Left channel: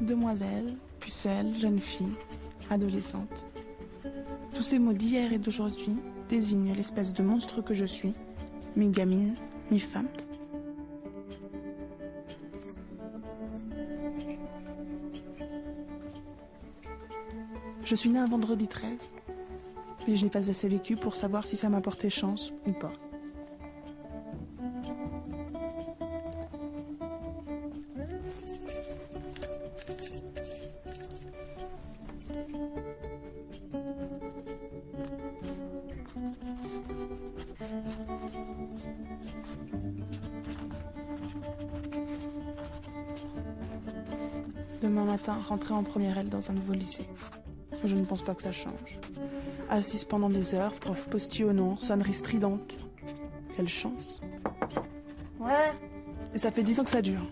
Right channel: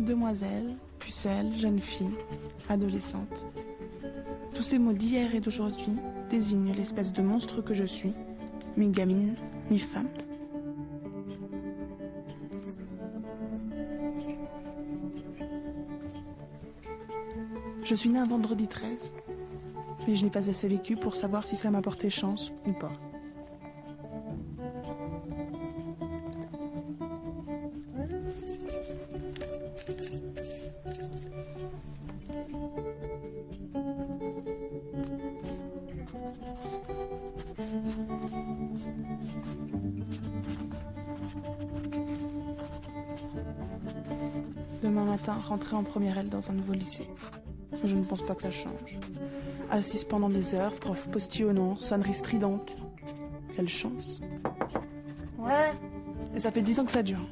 Demoiselle, pucelle, jeune fille, adolescente. Tous ces mots d'hier et d'aujourd'hui désignent l'espèce de monstre que je suis, mi-gamine, mi-femme. Je suis née un vendredi 13, et je n'ai pas assez vécu pour savoir si ça m'a porté chance ou pas. Demain matin, rentrer en première L dans un nouveau lycée. Je ne pense pas que ça change. Assise pendant des heures, prof postillonnant, sonnerie stridente. Quelle chance. Ouais. Et ça fait 10 ans que ça dure.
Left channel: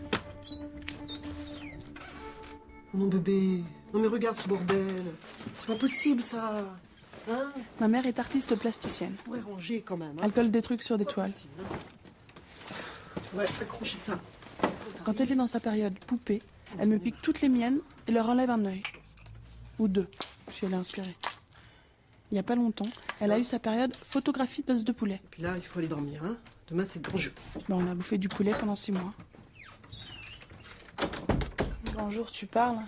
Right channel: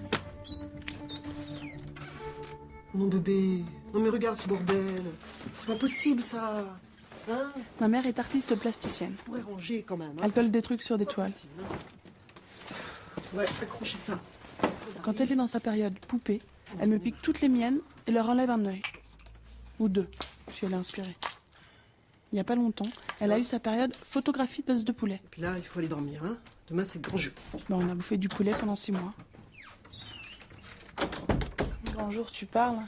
Mon bébé, non mais regarde ce bordel. C'est pas possible ça. Hein? Ma mère est artiste plasticienne. Ouais, ranger quand même. Hein? Elle colle des trucs sur des toiles. Ouais, accrochez ça. Quand elle est dans sa période poupée, elle me pique toutes les miennes et leur enlève un œil. Ou deux, si elle est inspirée. Il n'y a pas longtemps, elle a eu sa période photographie d'os de poulet. Et puis là, il faut aller dormir. Hein? Demain, c'est le grand jeu. On a bouffé du poulet pendant 6 mois. Bonjour, tu parles?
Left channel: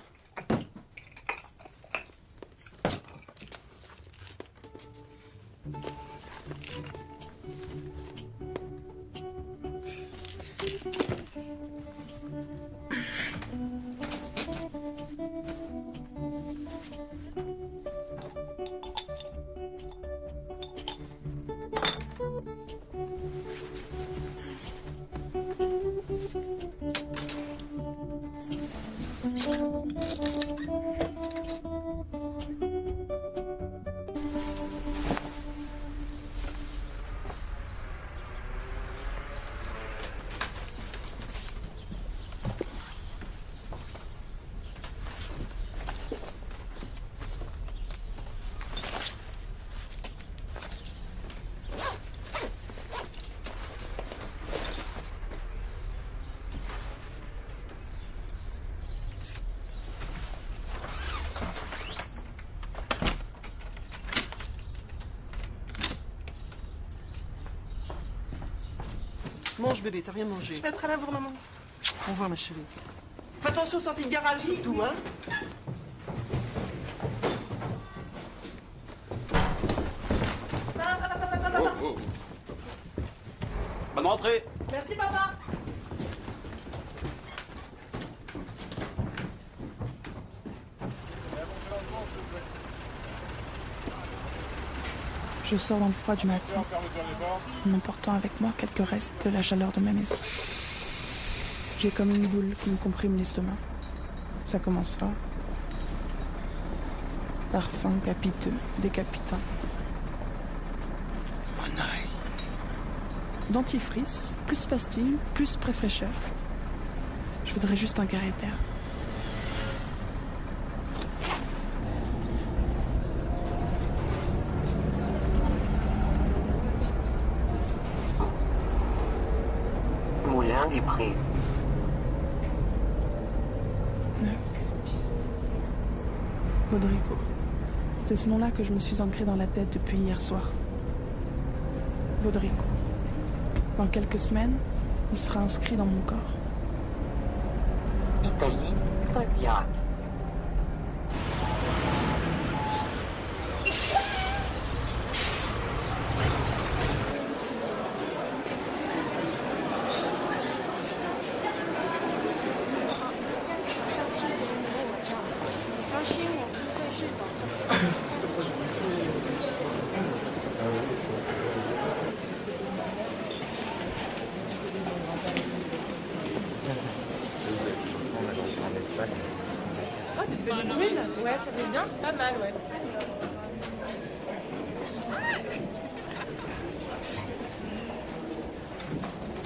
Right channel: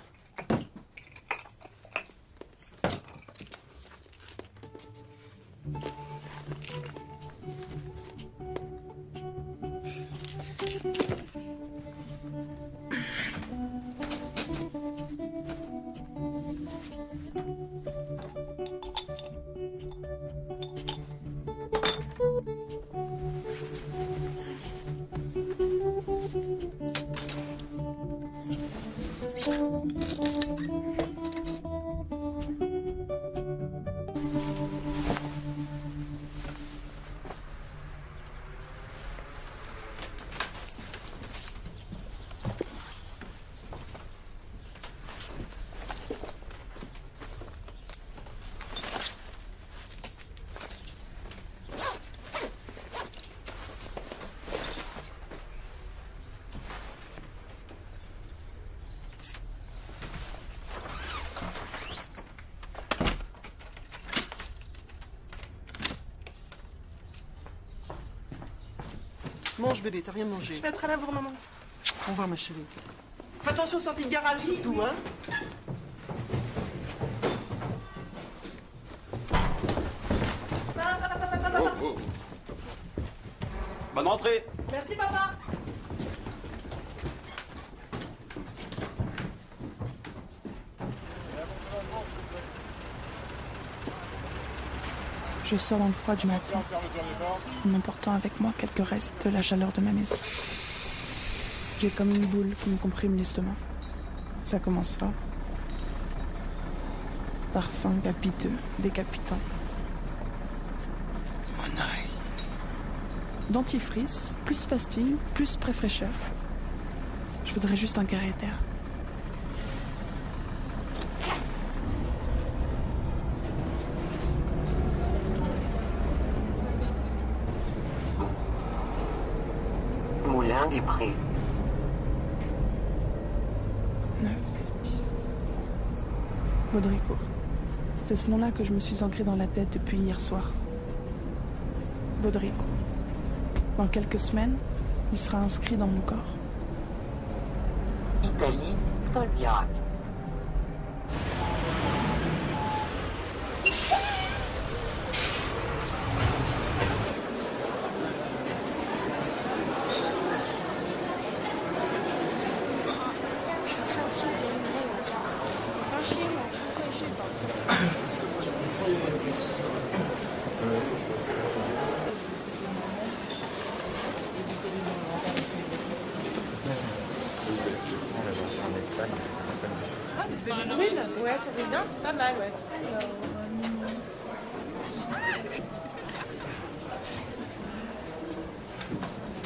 Mange bébé, t'as rien mangé. Je vais être à la bourre. Au revoir ma chérie. Fais attention, sortie de garage surtout, hein. Oh. Bonne rentrée. Merci papa. Je sors dans le froid du matin, en emportant avec moi quelques restes de la chaleur de ma maison. J'ai comme une boule qui me comprime l'estomac. Ça commencera. Parfum capiteux, décapitant. Mon œil. Dentifrice, plus pastilles, plus préfècheur. Je voudrais juste un carré d'air. Moulin des Prés. 9, 10. Baudricourt. C'est ce nom-là que je me suis ancré dans la tête depuis hier soir. Baudricourt. Dans quelques semaines, il sera inscrit dans mon corps. Italie, Tolbiac. Ah, des feuilles. Ouais, ça fait bien. Pas mal, ouais.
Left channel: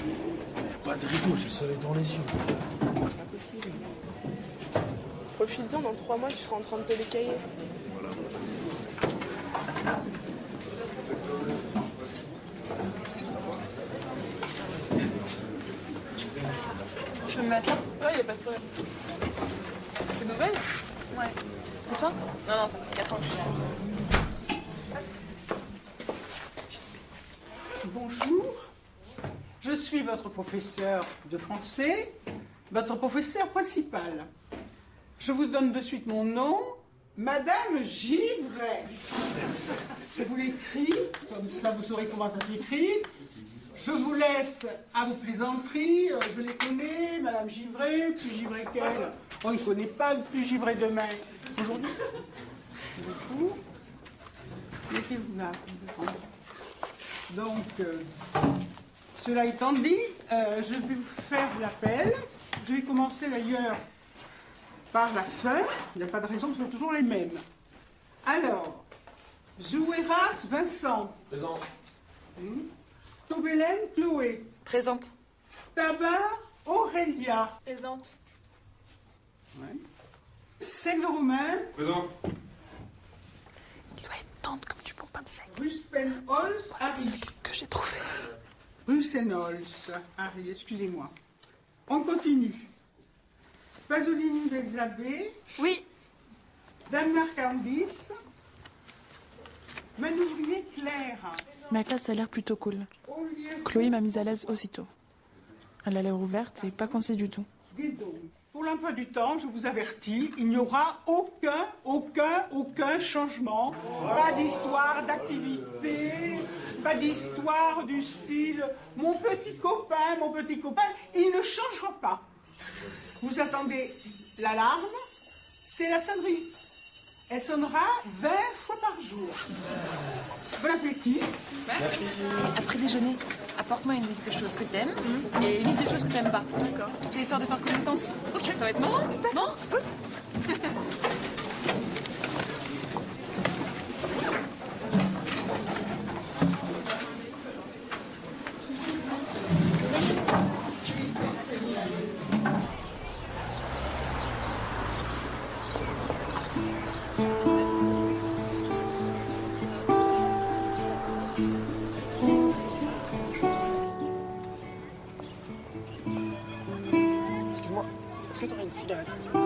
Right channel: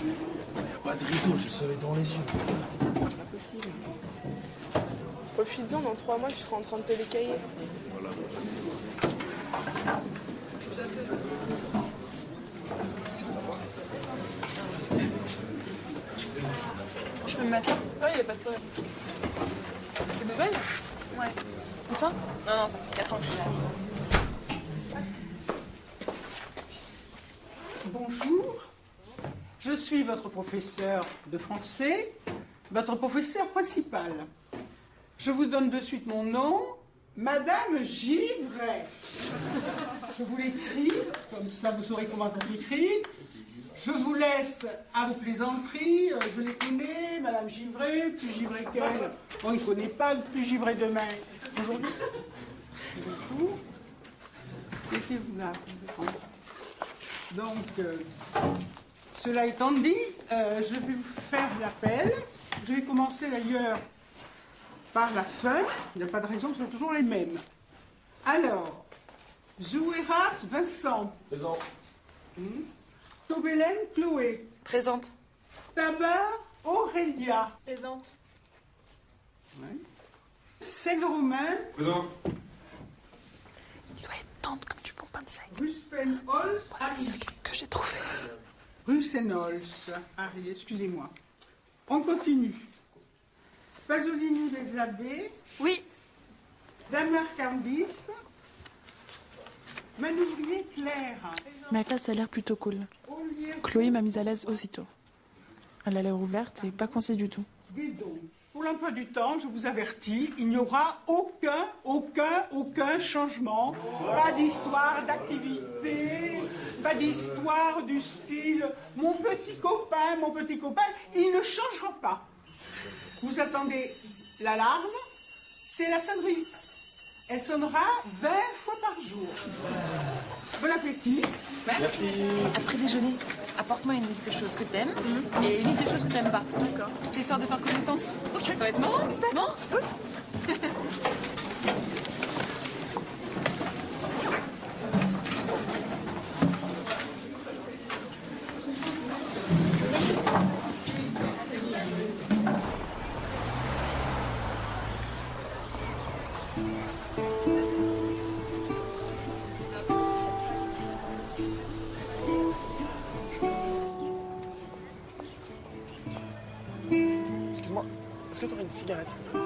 Il n'y a pas de rideau, j'ai le soleil dans les yeux. Faut Profites-en, dans 3 mois, tu seras en train de te les cahier. Excuse-moi. Je peux me mettre là? Ouais, y a pas de problème. Une nouvelle? Ouais. Et toi? Non, ça fait 4 ans que je suis là. Bonjour, je suis votre professeur de français, votre professeur principal. Je vous donne de suite mon nom, Madame Givray. Je vous l'écris, comme ça vous saurez comment ça s'écrit. Je vous laisse à vos plaisanteries, je les connais, Madame Givray, plus Givray qu'elle. On ne connaît pas le plus Givray demain. Aujourd'hui, bonjour. Mettez-vous là. Donc, cela étant dit, je vais vous faire l'appel. Je vais commencer d'ailleurs par la fin. Il n'y a pas de raison, ce sont toujours les mêmes. Alors, Zouéras Vincent. Présent. Toubélène Chloé. Présente. Tabar Aurélia. Présente. Ouais. Seigle-Romain. Présent. Il doit être tendre comme du bon pain de seigle. Ruspenholz. C'est celui que j'ai trouvé. Ruspenholz. Harry, excusez-moi. On continue. Pasolini Bezzabé. Oui. Damien Candis. Manuel Claire. Ma classe a l'air plutôt cool. Olivier Chloé m'a mise à l'aise aussitôt. Elle a l'air ouverte et pas coincée du tout. Guédon. Pour l'emploi du temps, je vous avertis, il n'y aura aucun changement. Pas d'histoire d'activité, pas d'histoire du style « mon petit copain, il ne changera pas. Vous attendez l'alarme, c'est la sonnerie. Elle sonnera 20 fois par jour. Bon appétit. Merci. Après déjeuner, apporte-moi une liste de choses que t'aimes et une liste de choses que t'aimes pas. D'accord. C'est histoire de faire connaissance. Ça va être marrant. Non? Excuse-moi, est-ce que tu aurais une cigarette, s'il te plaît?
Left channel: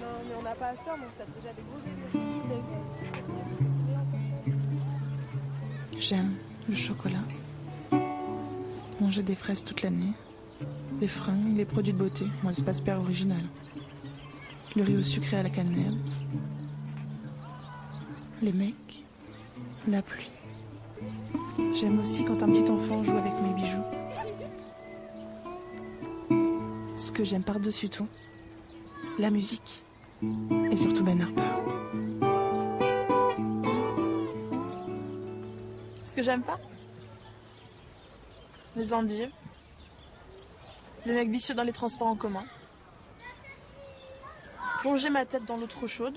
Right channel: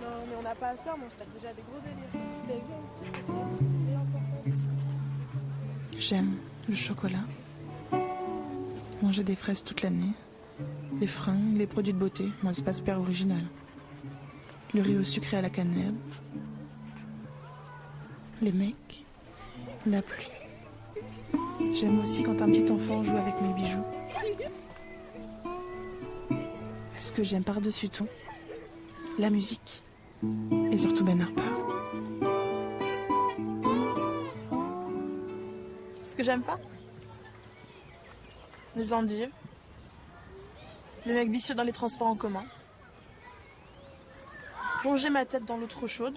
Non, mais on n'a pas à se plaindre, on se tape déjà des J'aime le chocolat. Manger des fraises toute l'année. Les fringues, les produits de beauté. Moi, c'est pas super original. Le riz au sucré à la cannelle. Les mecs. La pluie. J'aime aussi quand un petit enfant joue avec mes bijoux. Ce que j'aime par-dessus tout, la musique. Et surtout Ben Harper. Ce que j'aime pas, les endives, les mecs vicieux dans les transports en commun, plonger ma tête dans l'eau trop chaude.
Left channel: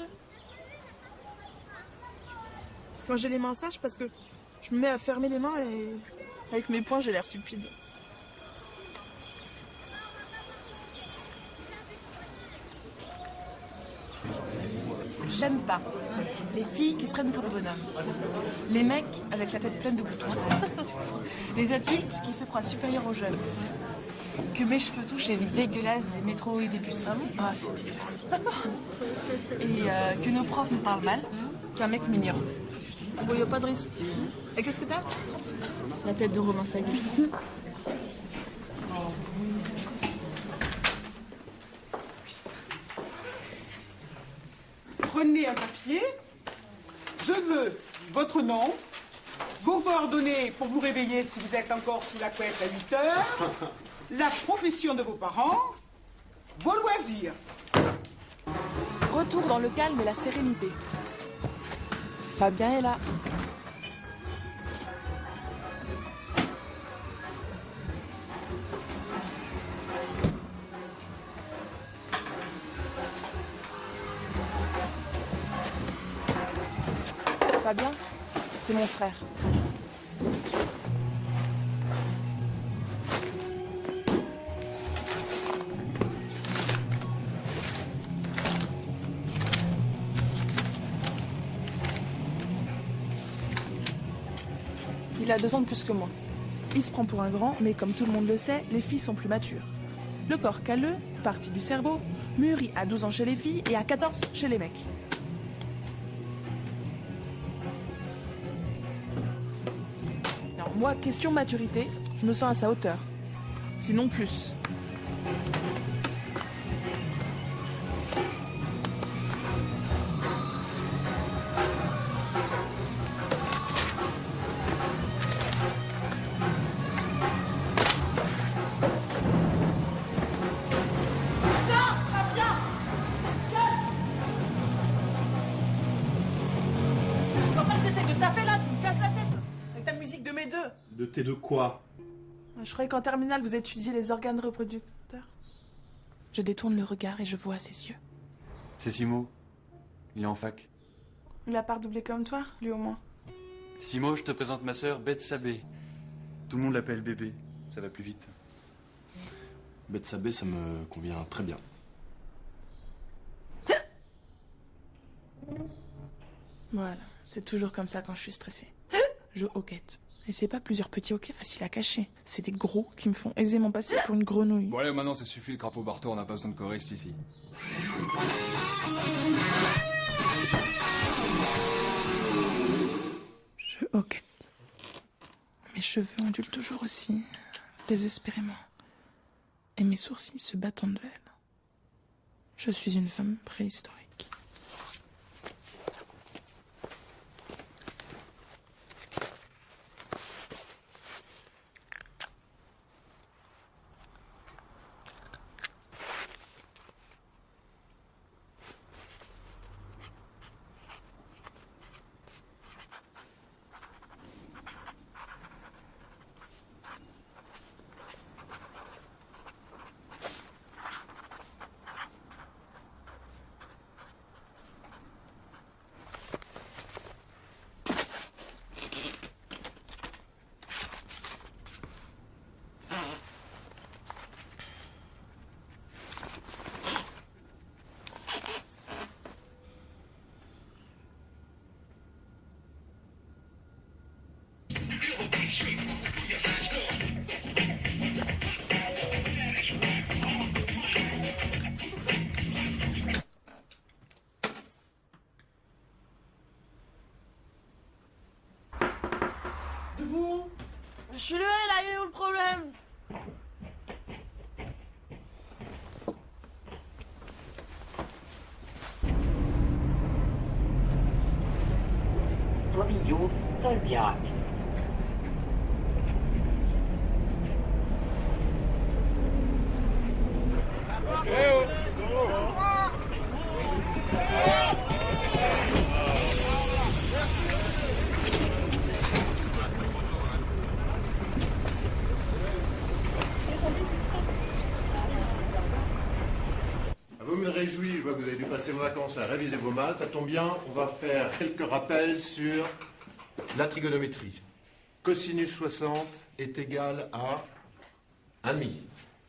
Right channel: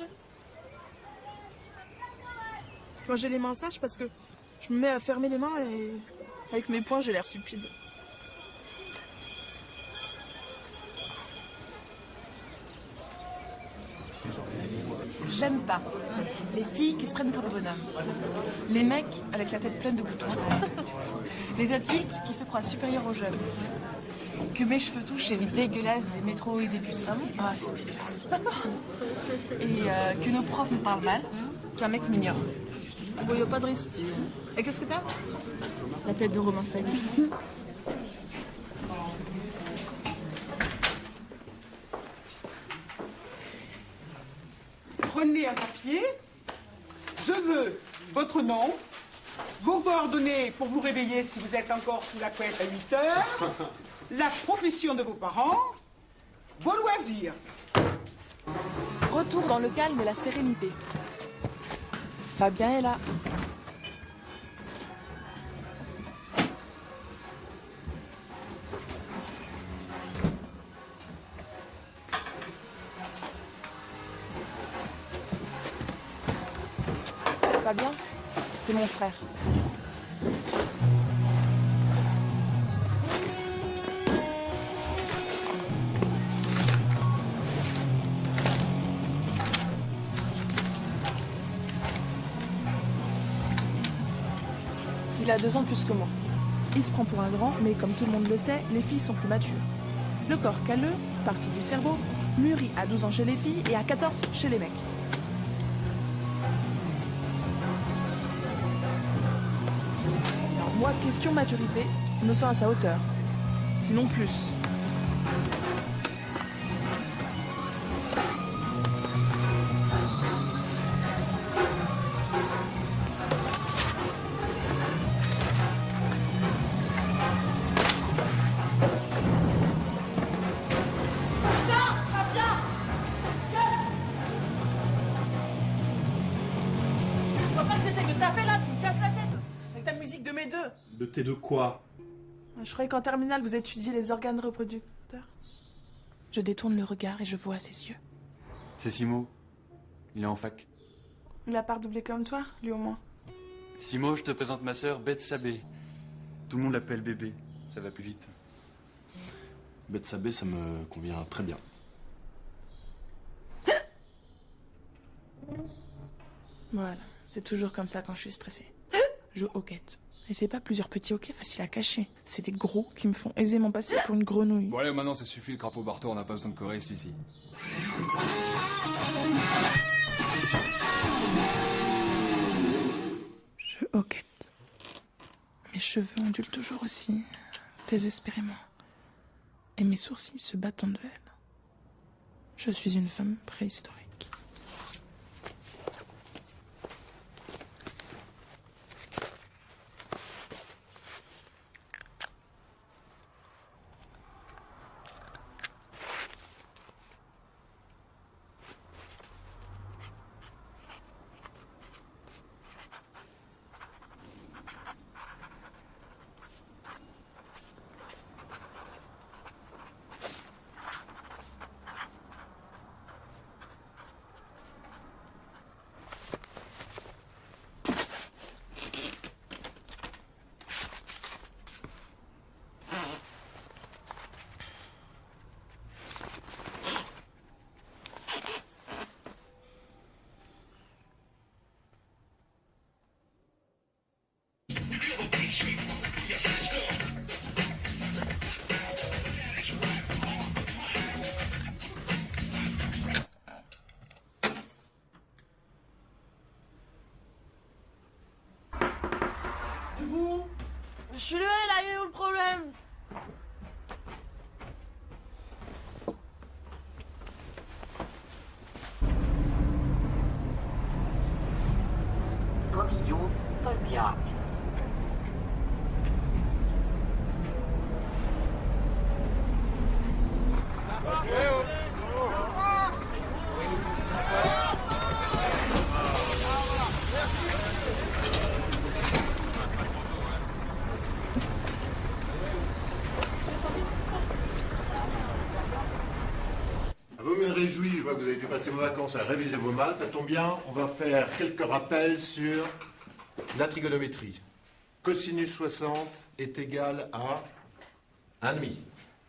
Quand j'ai les mains sèches parce que je me mets à fermer les mains et avec mes poings j'ai l'air stupide. J'aime pas les filles qui se prennent pour des bonhommes. Les mecs avec la tête pleine de boutons. Les adultes qui se croient supérieurs aux jeunes. Que mes cheveux touchent les dégueulasses des métros et des bus. Ah, c'est dégueulasse. Et que nos profs nous parlent mal qu'un mec mignon. Il n'y a pas de risque. Et qu'est-ce que t'as? La tête de romancé. Prenez un papier. Je veux votre nom, vos coordonnées pour vous réveiller si vous êtes encore sous la couette à 8 heures, la profession de vos parents, vos loisirs. Retour dans le calme et la sérénité. Fabien est là. Fabien, c'est mon frère. a 2 ans de plus que moi. Il se prend pour un grand, mais comme tout le monde le sait, les filles sont plus matures. Le corps calleux, partie du cerveau, mûrit à 12 ans chez les filles et à 14 chez les mecs. Alors moi, question maturité, je me sens à sa hauteur. Sinon plus. De tes deux quoi? Je croyais qu'en terminale, vous étudiez les organes reproducteurs. Je détourne le regard et je vois ses yeux. C'est Simo. Il est en fac. Il a pas redoublé comme toi, lui au moins. Simo, je te présente ma sœur, Beth Sabé. Tout le monde l'appelle bébé. Ça va plus vite. Beth Sabé, ça me convient très bien. Voilà, c'est toujours comme ça quand je suis stressée. Je hoquette. Et c'est pas plusieurs petits hoquets faciles à cacher. C'est des gros qui me font aisément passer pour une grenouille. Bon allez, maintenant ça suffit, le crapaud Barto, on n'a pas besoin de choristes ici. Je hoquette. Mes cheveux ondulent toujours aussi, désespérément. Et mes sourcils se battent en duel. Je suis une femme préhistorique. Je suis levé là, il est où le problème? Collision Tolbiac. Vous me réjouis, je vois que vous avez dû passer vos vacances à réviser vos maths. Ça tombe bien, on va faire quelques rappels sur la trigonométrie. Cosinus 60 est égal à 1,5.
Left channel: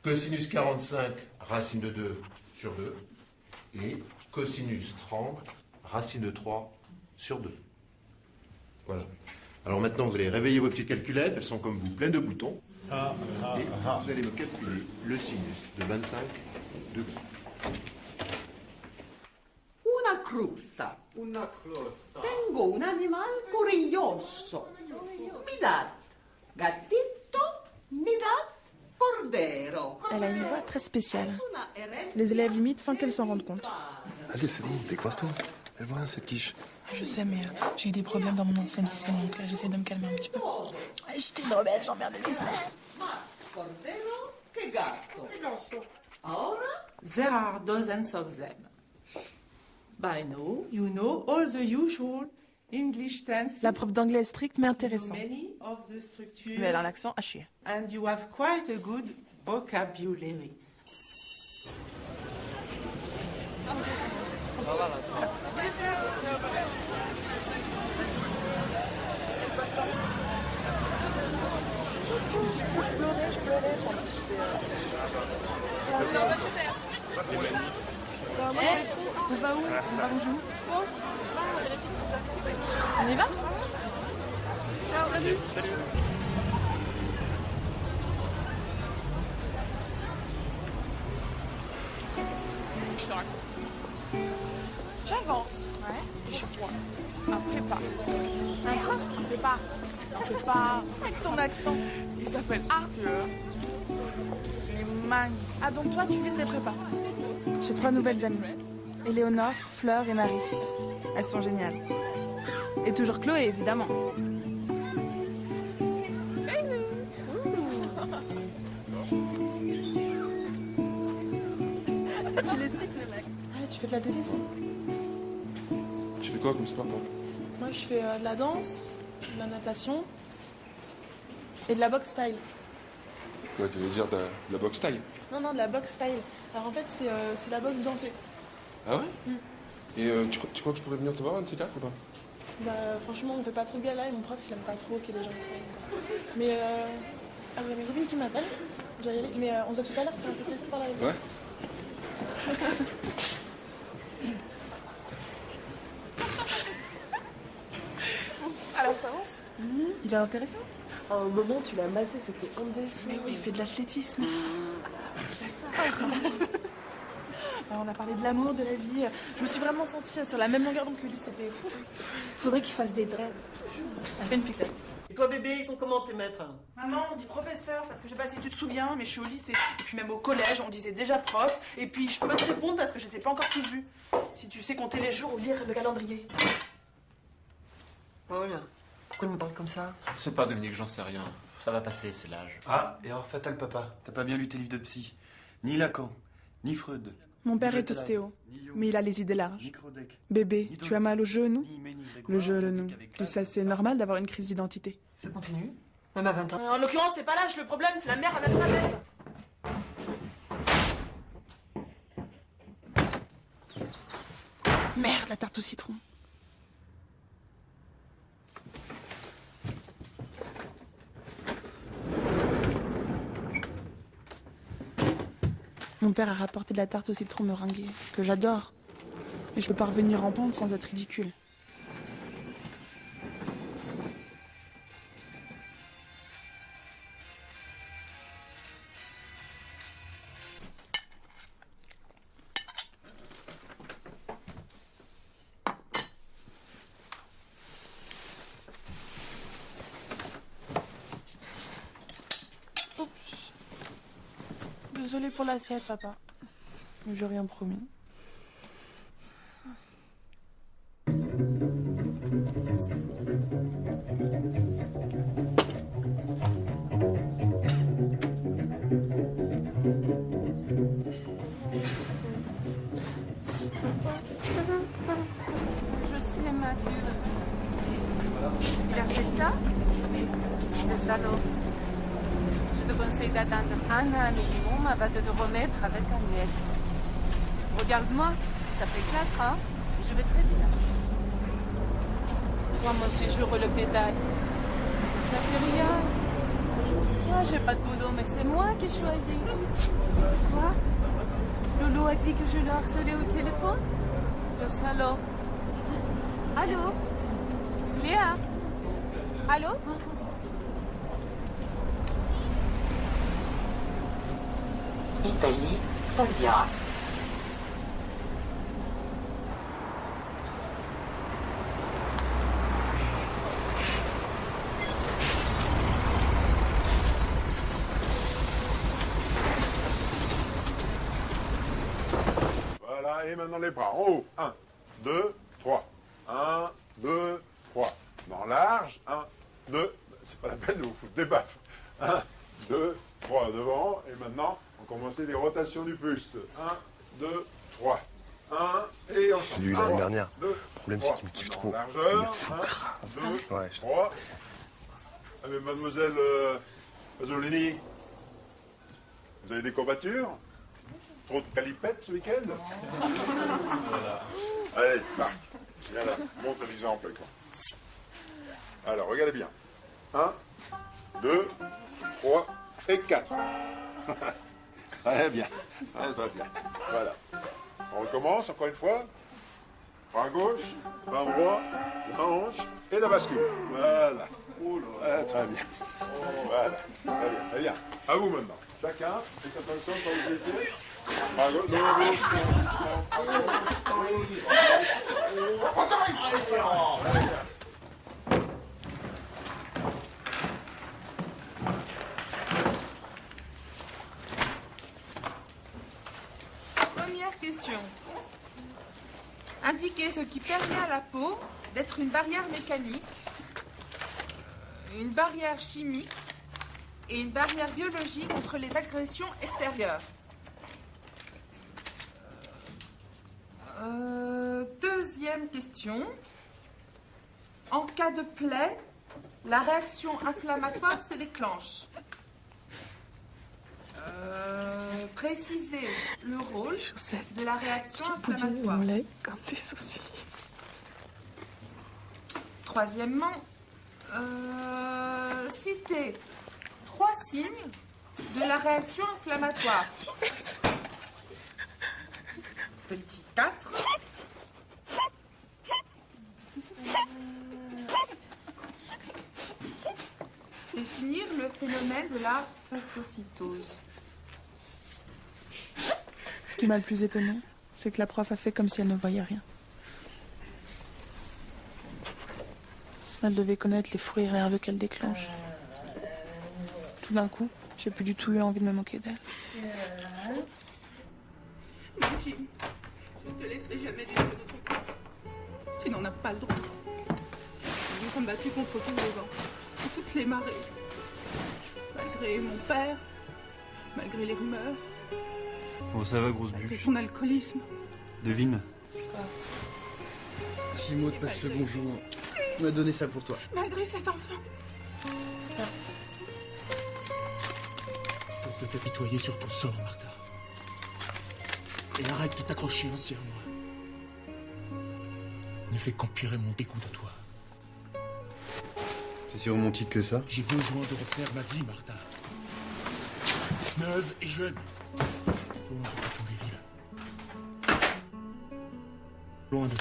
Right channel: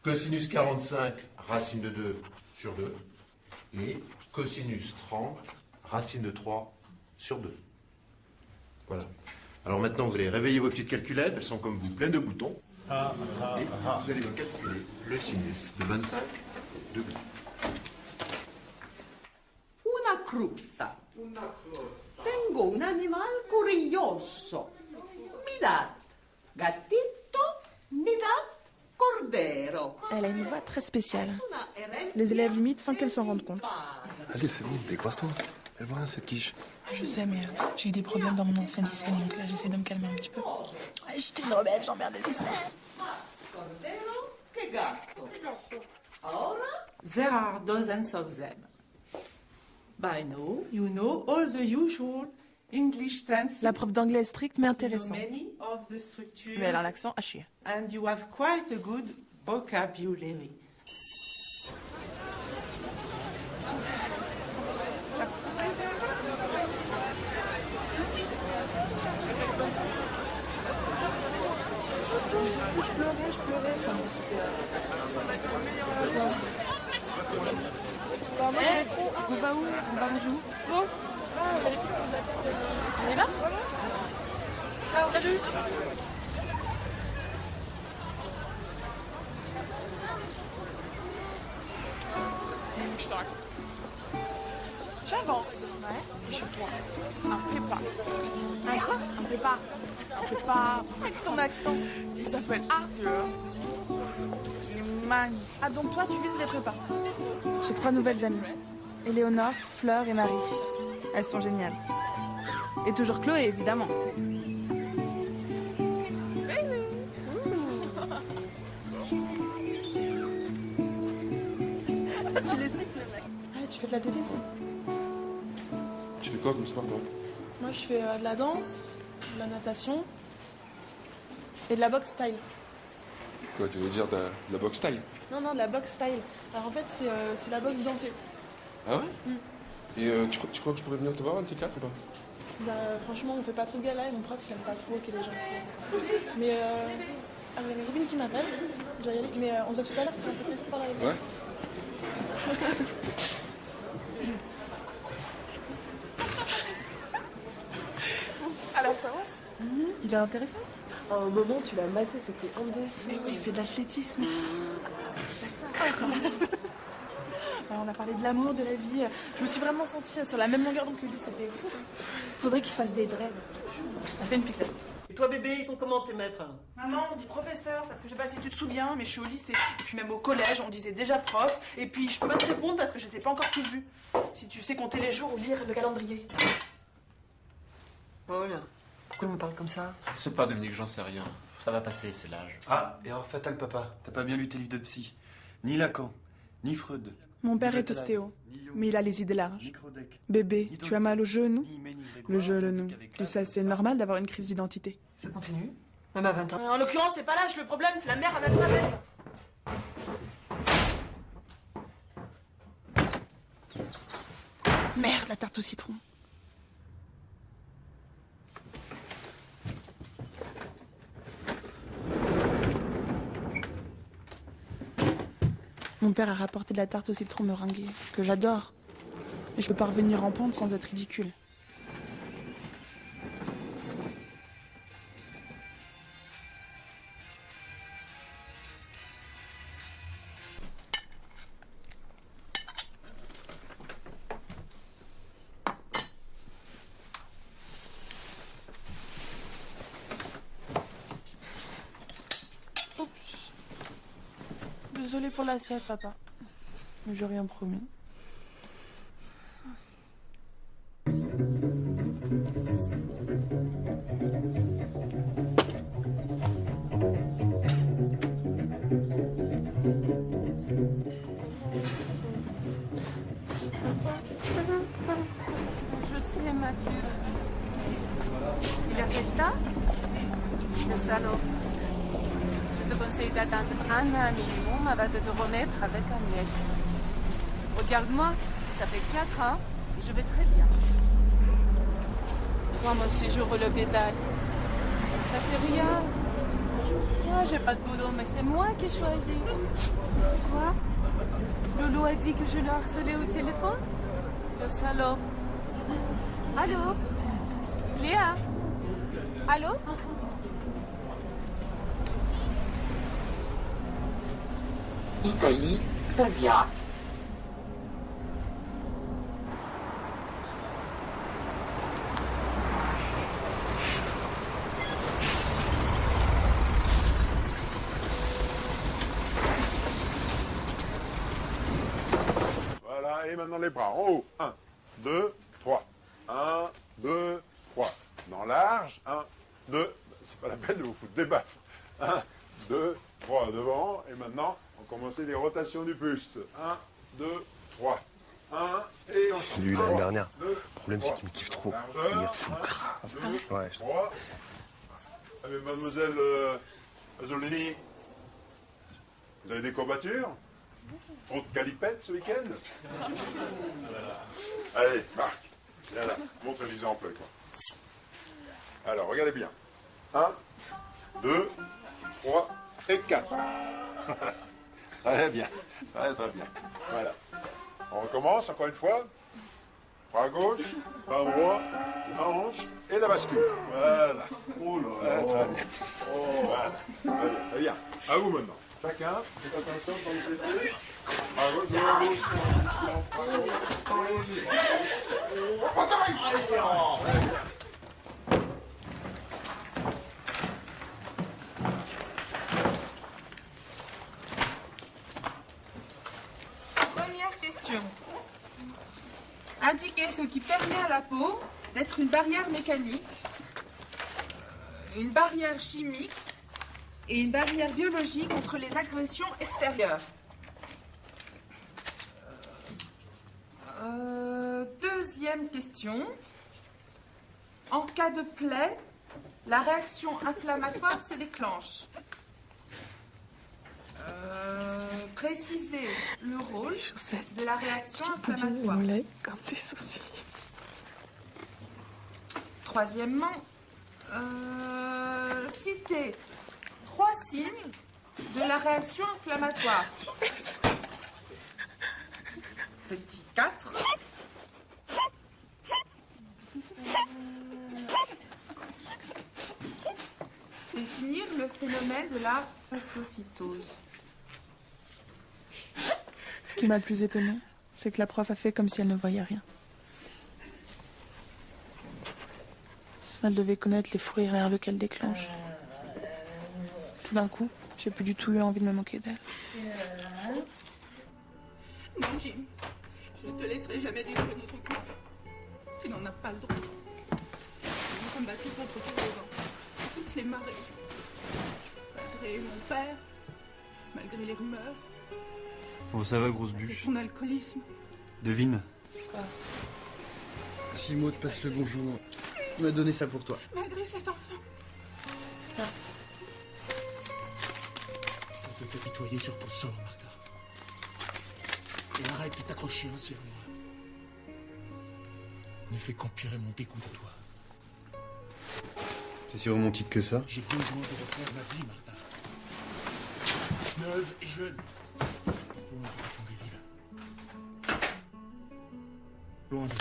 Cosinus 45, racine de 2 sur 2. Et cosinus 30, racine de 3 sur 2. Voilà. Alors maintenant, vous allez réveiller vos petites calculettes. Elles sont comme vous, pleines de boutons. Et vous allez me calculer le sinus de 25 degrés. Una cruzza. Tengo un animal curioso. Mi da gatito, mi da cordero. Elle a une voix très spéciale. Les élèves limitent sans qu'elle s'en rendent compte. Allez, c'est bon, décoince-toi. Elle voit cette quiche. Je sais, mais j'ai eu des problèmes dans mon ancien lycée, donc là j'essaie de me calmer un petit peu. J'étais une rebelle, j'emmerde les externes. Cordero che gatto. Ora? There are dozens of them. By now, you know all the usual English tenses. La prof d'anglais est stricte mais intéressante. Many of the structures. Mais elle a l'accent à chier. And you have quite a good vocabulary. Je pleurais. On y va? Salut. Je te raconte. J'avance. Et je vois un prépa. Un prépa. Avec ton accent. Il s'appelle Arthur. Il est magnifique. Ah donc toi tu vises les prépas. J'ai 3 nouvelles amies. Éléonore, Fleur et Marie. Elles sont géniales. Et toujours Chloé évidemment. Toi tu les sais les mecs. Ah tu fais de l'athlétisme. Tu fais quoi comme sport, toi? Moi je fais de la danse, de la natation et de la boxe style. Quoi, tu veux dire de la boxe style? Non, de la boxe style. Alors en fait c'est la boxe danse. Ah ouais? Et tu crois que je pourrais venir te voir un de ces quatre ou pas? Bah franchement on fait pas trop de gala et mon prof il aime pas trop que les gens font. Mais il y a une qui m'appelle. Mais on se dit tout à l'heure, c'est un peu pressé par la Ouais. Alors ça va? Il est intéressant. À un moment, tu l'as maté, c'était indécent. Mais oui, il fait de l'athlétisme. Alors, on a parlé de l'amour, de la vie. Je me suis vraiment sentie sur la même longueur d'onde que lui. C'était fou. Il faudrait qu'il se fasse des dreads. T'as fait une fixette? Et toi, bébé, ils sont comment tes maîtres? Maman, on dit professeur, parce que je sais pas si tu te souviens, mais je suis au lycée. Et puis même au collège, on disait déjà prof. Et puis je peux pas te répondre parce que je les ai pas encore tous vus. Si tu sais compter les jours ou lire le calendrier. Voilà. Pourquoi il me parle comme ça? Je sais pas, Dominique, j'en sais rien. Ça va passer, c'est l'âge. Ah, erreur fatale, papa. T'as pas bien lu tes livres de psy. Ni Lacan, ni Freud. Mon père est ostéo, mais il a les idées larges. Bébé, tu as mal au genou? Le genou. Tout ça, c'est normal d'avoir une crise d'identité. Ça continue? Même à 20 ans. En l'occurrence, c'est pas l'âge le problème, c'est la mère analphabète. Merde, la tarte au citron. Mon père a rapporté de la tarte au citron meringuée, que j'adore. Mais je peux pas revenir en pente sans être ridicule. Désolée pour l'assiette, papa. Mais j'ai rien promis. Je sais, ma pieuse. Il a fait ça? Le salon. Je te conseille d'attendre un an et demi avant de te remettre avec Agnès. Regarde-moi, ça fait 4 ans, je vais très bien. Moi, mon séjour le pédale. Ça c'est rien. Moi, j'ai pas de boulot, mais c'est moi qui ai choisi. Toi, Lolo a dit que je le harcelais au téléphone. Le salaud. Allô? Léa? Allô? Italie, Italia. Voilà, et maintenant les bras en haut. 1, 2, 3. 1, 2, 3. Dans large. 1, 2. C'est pas la peine de vous foutre des baffes. 1, 2, 3 devant. Et maintenant, on va commencer les rotations du buste. 1, 2, 3. 1, et ensemble. Lui, l'année dernière. 2, Le problème, c'est qu'il me kiffe trop. largeur. Il me fout grave. 2, Ouais, 3. Ah, mais mademoiselle Pasolini, vous avez des courbatures? Trop de calipettes ce week-end? Voilà. Allez, Marc, viens là, montre l'exemple. Alors, regardez bien. 1, 2, 3 et 4. Très bien. Ouais, très bien. Voilà. On recommence encore une fois. Bras gauche, bras droit, la hanche et la bascule. Voilà. Voilà, très bien. Voilà. Très bien, très bien. À vous maintenant. Chacun, faites attention quand vous essayez. Bras gauche, Première question. Indiquez ce qui permet à la peau d'être une barrière mécanique, une barrière chimique et une barrière biologique contre les agressions extérieures. Deuxième question. En cas de plaie, la réaction inflammatoire se déclenche. Précisez le rôle de la réaction inflammatoire. Troisièmement, citez 3 signes de la réaction inflammatoire. Petit 4. Définir le phénomène de la phagocytose. Ce qui m'a le plus étonné, c'est que la prof a fait comme si elle ne voyait rien. Elle devait connaître les fous rires qu'elle déclenche. Tout d'un coup, j'ai plus du tout eu envie de me moquer d'elle. Non, Jim, je ne te laisserai jamais dire de tout quoi. Tu n'en as pas le droit. Nous nous sommes battus contre tous les vents, contre toutes les marées. Malgré mon père, malgré les rumeurs, Oh, ça va, grosse bûche. son alcoolisme. Devine. Si Maud passe le bonjour, on va donner ça pour toi. Malgré cet enfant. Cesse de te tutoyer sur ton sort, Martha. Et arrête de t'accrocher aussi à moi. Ne fais qu'empirer mon dégoût de toi. T'es si romantique que ça? J'ai besoin de refaire ma vie, Martha. Neuve et jeune. Loin de Pétonville. Loin de...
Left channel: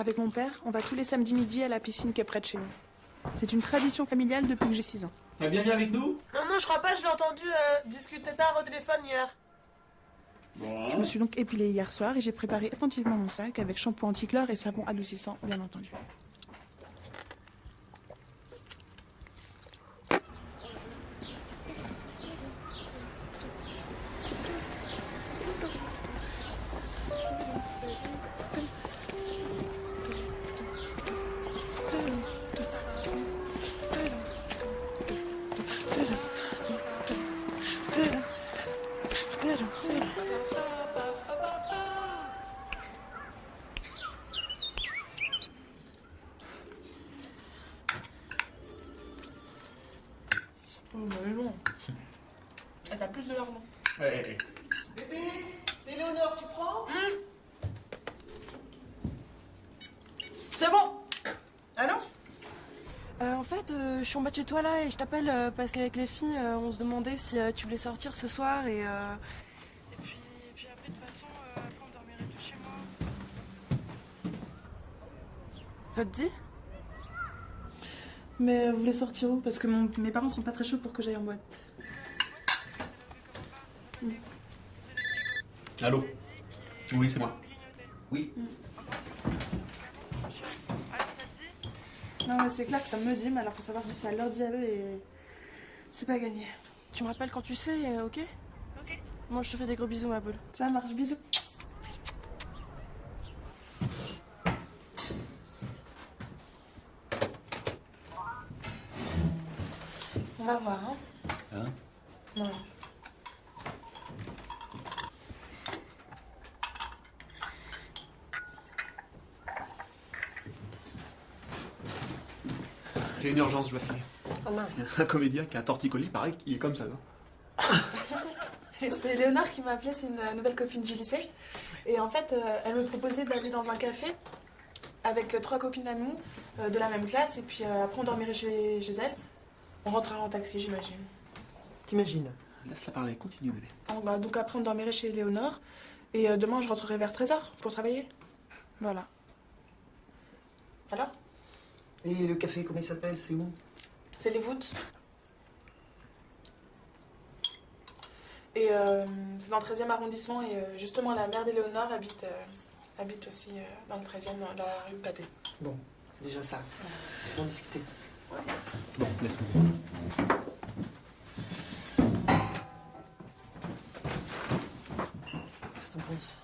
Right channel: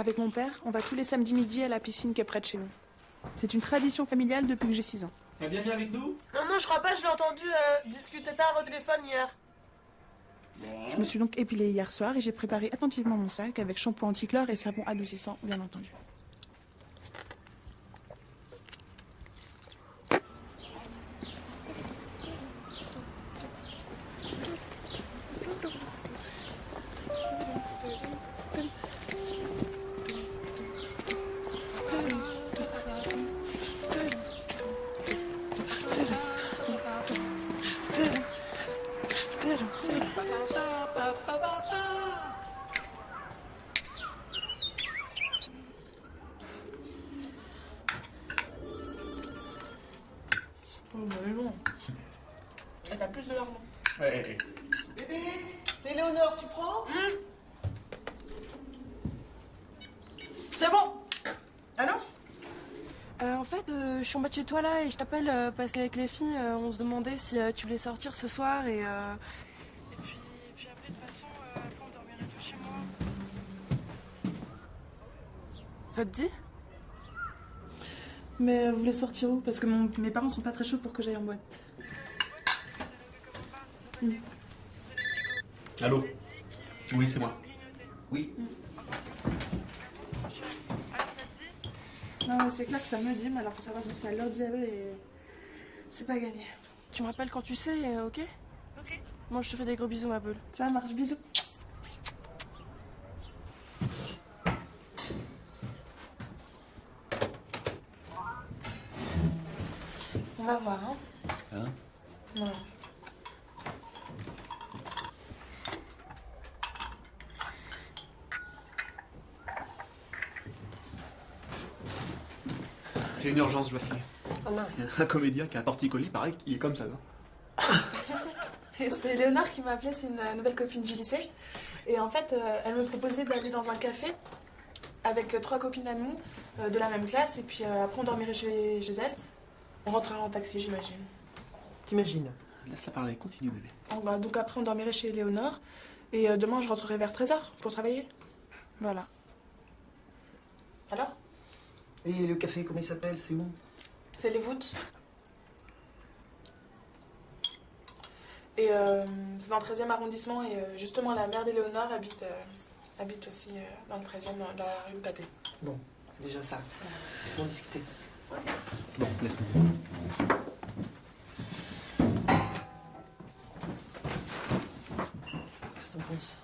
Avec mon père, on va tous les samedis midi à la piscine qui est près de chez nous. C'est une tradition familiale depuis que j'ai 6 ans. Elle vient bien avec nous? Non, je crois pas, je l'ai entendu discuter tard au téléphone hier. Je me suis donc épilée hier soir et j'ai préparé attentivement mon sac avec shampoing anti-clair et savon adoucissant, bien entendu. T'as plus de l'heure. Hey. Bébé, c'est Léonore, tu prends? C'est bon. Allô? En fait, je suis en bas de chez toi là et je t'appelle parce qu'avec les filles, on se demandait si tu voulais sortir ce soir et puis après de toute façon, quand on dormirait tout chez moi. Ça te dit? Mais vous voulez sortir où? Parce que mes parents sont pas très chauds pour que j'aille en boîte. Allô? Oui, c'est moi. Oui. Non mais c'est clair que ça me dit, mais alors faut savoir si ça leur dit à eux et c'est pas gagné. Tu me rappelles quand tu sais, ok? Ok. Moi je te fais des gros bisous, ma belle. Ça marche, bisous. On va voir, hein? Hein? Non. J'ai une urgence, je vais filer. Ah mince. Un comédien qui a un torticolis, pareil, il est comme ça, non? Et c'est Léonard qui m'a appelé, c'est une nouvelle copine du lycée. Et en fait, elle me proposait d'aller dans un café avec 3 copines à nous de la même classe. Et puis après, on dormirait chez elle. On rentrerait en taxi, j'imagine. T'imagines? Laisse-la parler, continue, bébé. Donc après, on dormirait chez Léonard. Et demain, je rentrerai vers 13h pour travailler. Voilà. Alors? Et le café, comment il s'appelle? C'est où? C'est les voûtes. Et c'est dans le 13e arrondissement. Et justement, la mère d'Éléonore habite aussi dans le 13e, dans la rue Papé. Bon, c'est déjà ça. On va en discuter. Laisse-nous. Qu'est-ce que t'en penses?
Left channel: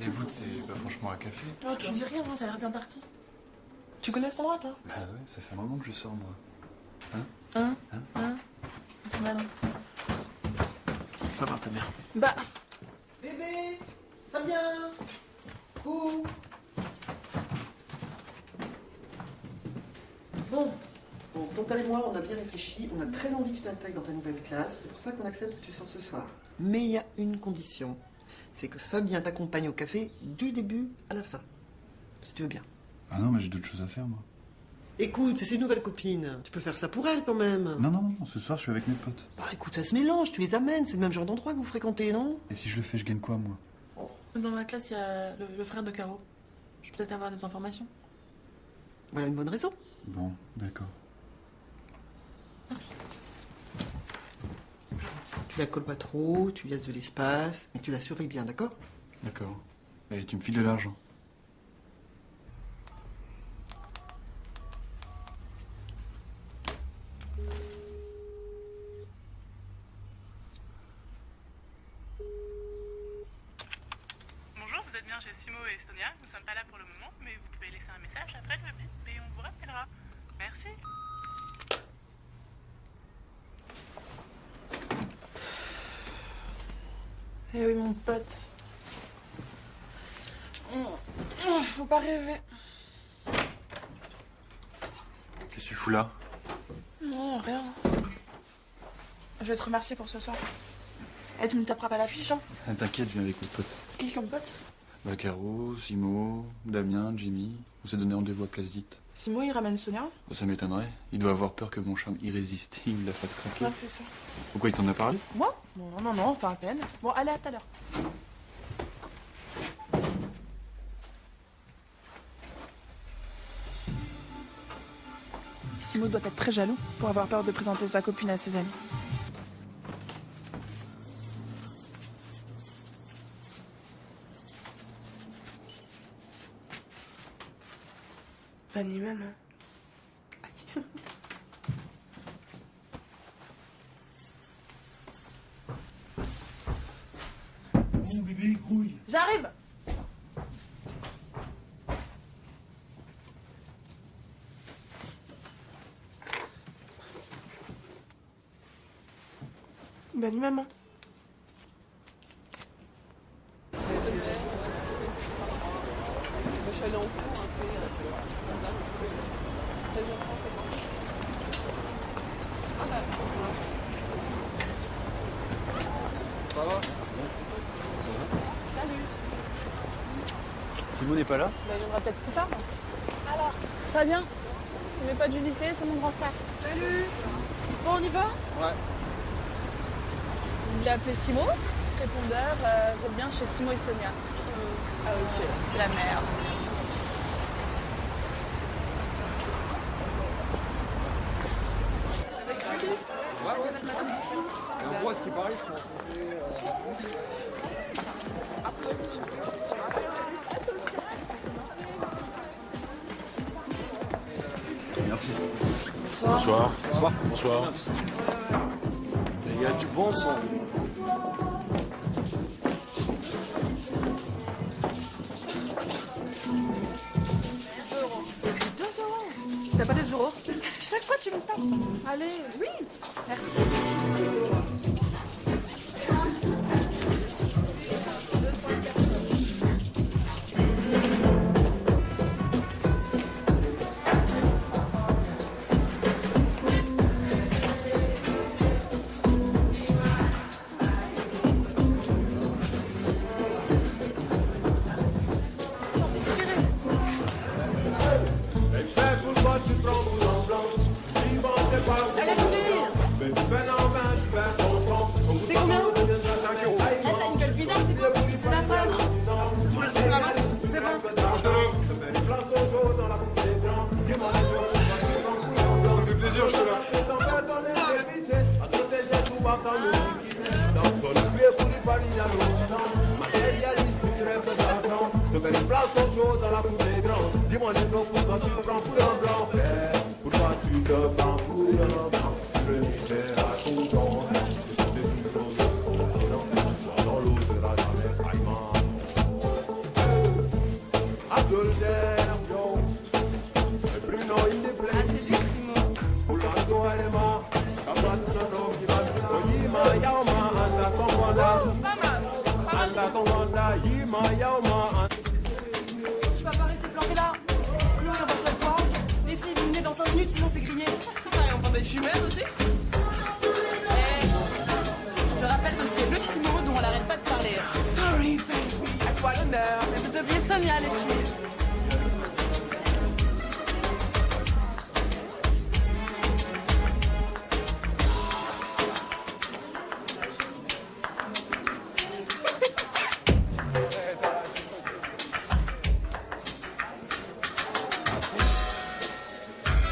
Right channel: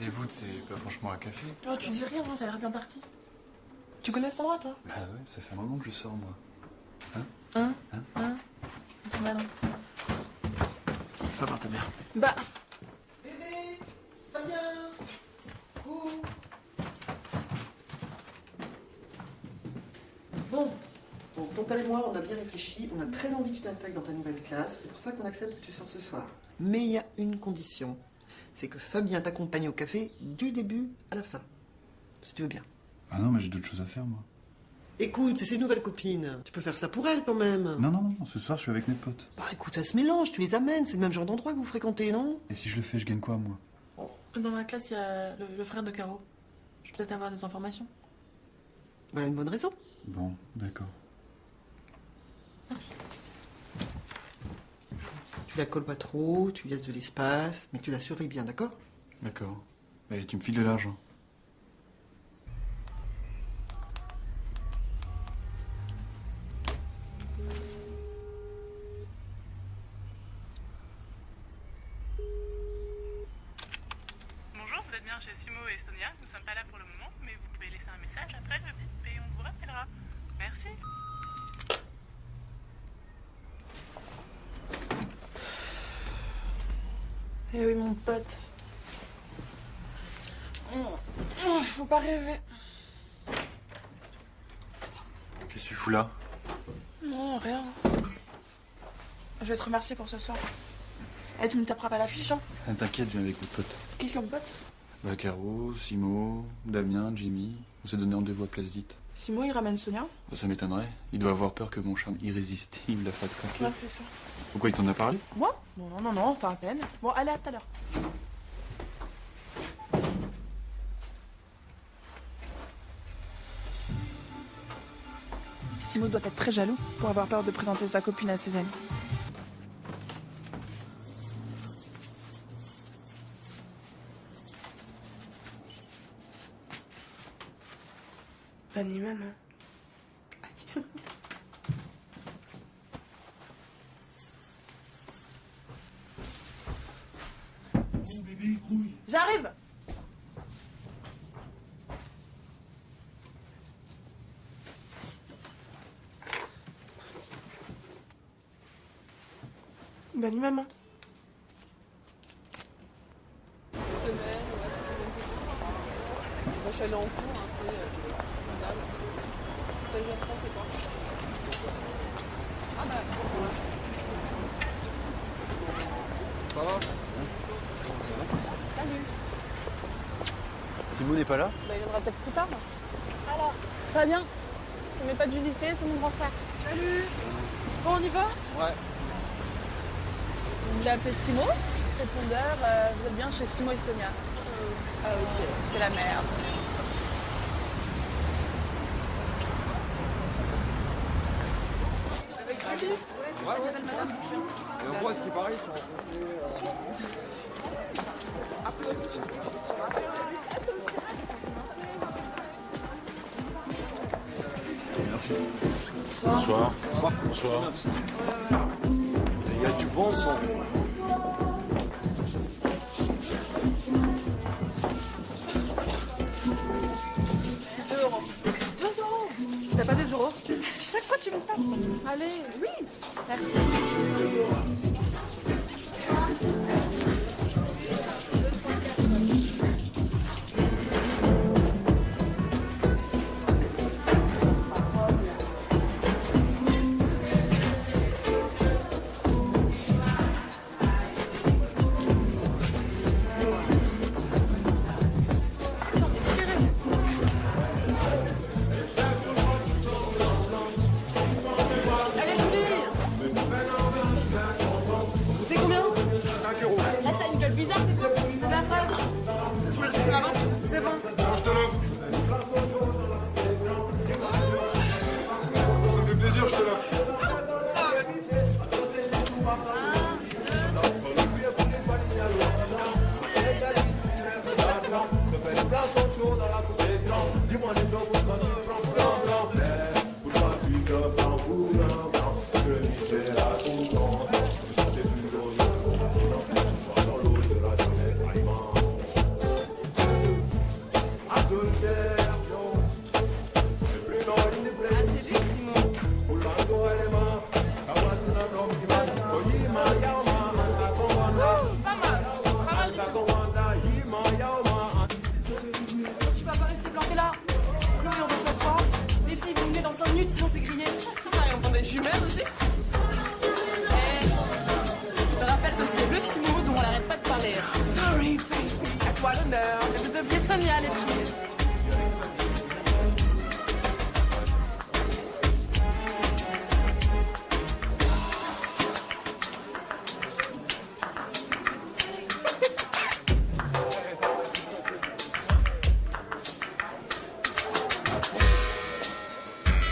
Les voûtes, c'est pas franchement un café. Oh, tu dis rien, ça a l'air bien parti. Tu connais cet endroit, toi? Bah ouais, ça fait un moment que je sors, moi. Hein? C'est malin. Va voir ta mère. Bah. Bébé, Fabien, coucou. Bon, ton père et moi, on a bien réfléchi, on a très envie que tu t'intègres dans ta nouvelle classe, c'est pour ça qu'on accepte que tu sortes ce soir. Mais il y a une condition, c'est que Fabien t'accompagne au café du début à la fin, si tu veux bien. Ah non, mais j'ai d'autres choses à faire, moi. Écoute, c'est ses nouvelles copines, tu peux faire ça pour elles quand même. Non, ce soir, je suis avec mes potes. Bah écoute, ça se mélange, tu les amènes, c'est le même genre d'endroit que vous fréquentez, non? Et si je le fais, je gagne quoi, moi? Dans ma classe, il y a le frère de Caro. Je peux peut-être avoir des informations. Voilà une bonne raison. Bon, d'accord. Tu la colles pas trop, tu laisses de l'espace, mais tu la surveilles bien, d'accord? D'accord. Et tu me files de l'argent. Bonjour, vous êtes bien chez Simo et Sonia. Nous ne sommes pas là pour le moment, mais vous pouvez laisser un message après le bip et on vous rappellera. Merci. Eh oui, mon pote. Faut pas rêver. Qu'est-ce que tu fous là? Non, rien. Je vais te remercier pour ce soir. Eh, tu ne taperas pas l'affiche, hein? T'inquiète, viens avec mes potes. Qui comme pote? Bah, Caro, Simo, Damien, Jimmy. On s'est donné rendez-vous à Place Dite. Simon, il ramène Sonia? Ça m'étonnerait. Il doit avoir peur que mon charme irrésistible la fasse craquer. Ouais, c'est ça. Pourquoi il t'en a parlé? Moi? Non, enfin peut-être. Bon, allez, à tout à l'heure. Simon doit être très jaloux pour avoir peur de présenter sa copine à ses amis. Pas ni même, hein. J'arrive. Ben lui-même. Hein. Ça va? Salut. Simon n'est pas là? Bah, il viendra peut-être plus tard. Alors, ça va bien? C'est le pas du lycée, c'est mon grand frère. Salut. Bon, on y va? Ouais. J'ai appelé Simon, répondeur, vous êtes bien chez Simon et Sonia. Ah ok, c'est la merde. Merci. Bonsoir. Bonsoir. Bonsoir. Les gars, tu penses? T'as pas des euros? Chaque fois tu me tapes. Allez, oui. Merci. C'est combien? 5 €. Ah, c'est une gueule bizarre, c'est de la fraise. C'est bon. Ça fait plaisir, je te la Dis-moi les noms quand tu te prends pour un blanc. Pourquoi tu te prends pour un blanc? Je vais à ton temps. C'est une chose dans l'eau de la jamais à tout le cerveau. Et plus non, il te plaît. Ah, c'est lui, Simon. Pour la go et les mains. À moi, tu m'as bloqué. Yima, yaoma, anta komanda. Pas mal. Anta komanda. Yima, yaoma. Tu vas pas rester planté là. Non, on va s'asseoir. Les filles, vous venez dans 5 minutes, sinon c'est grillé. Ça, et on prend des jumelles aussi. Et je te rappelle que c'est le Simon dont on n'arrête pas de parler. Sorry. À toi l'honneur. Et vous aviez Sonia, les filles.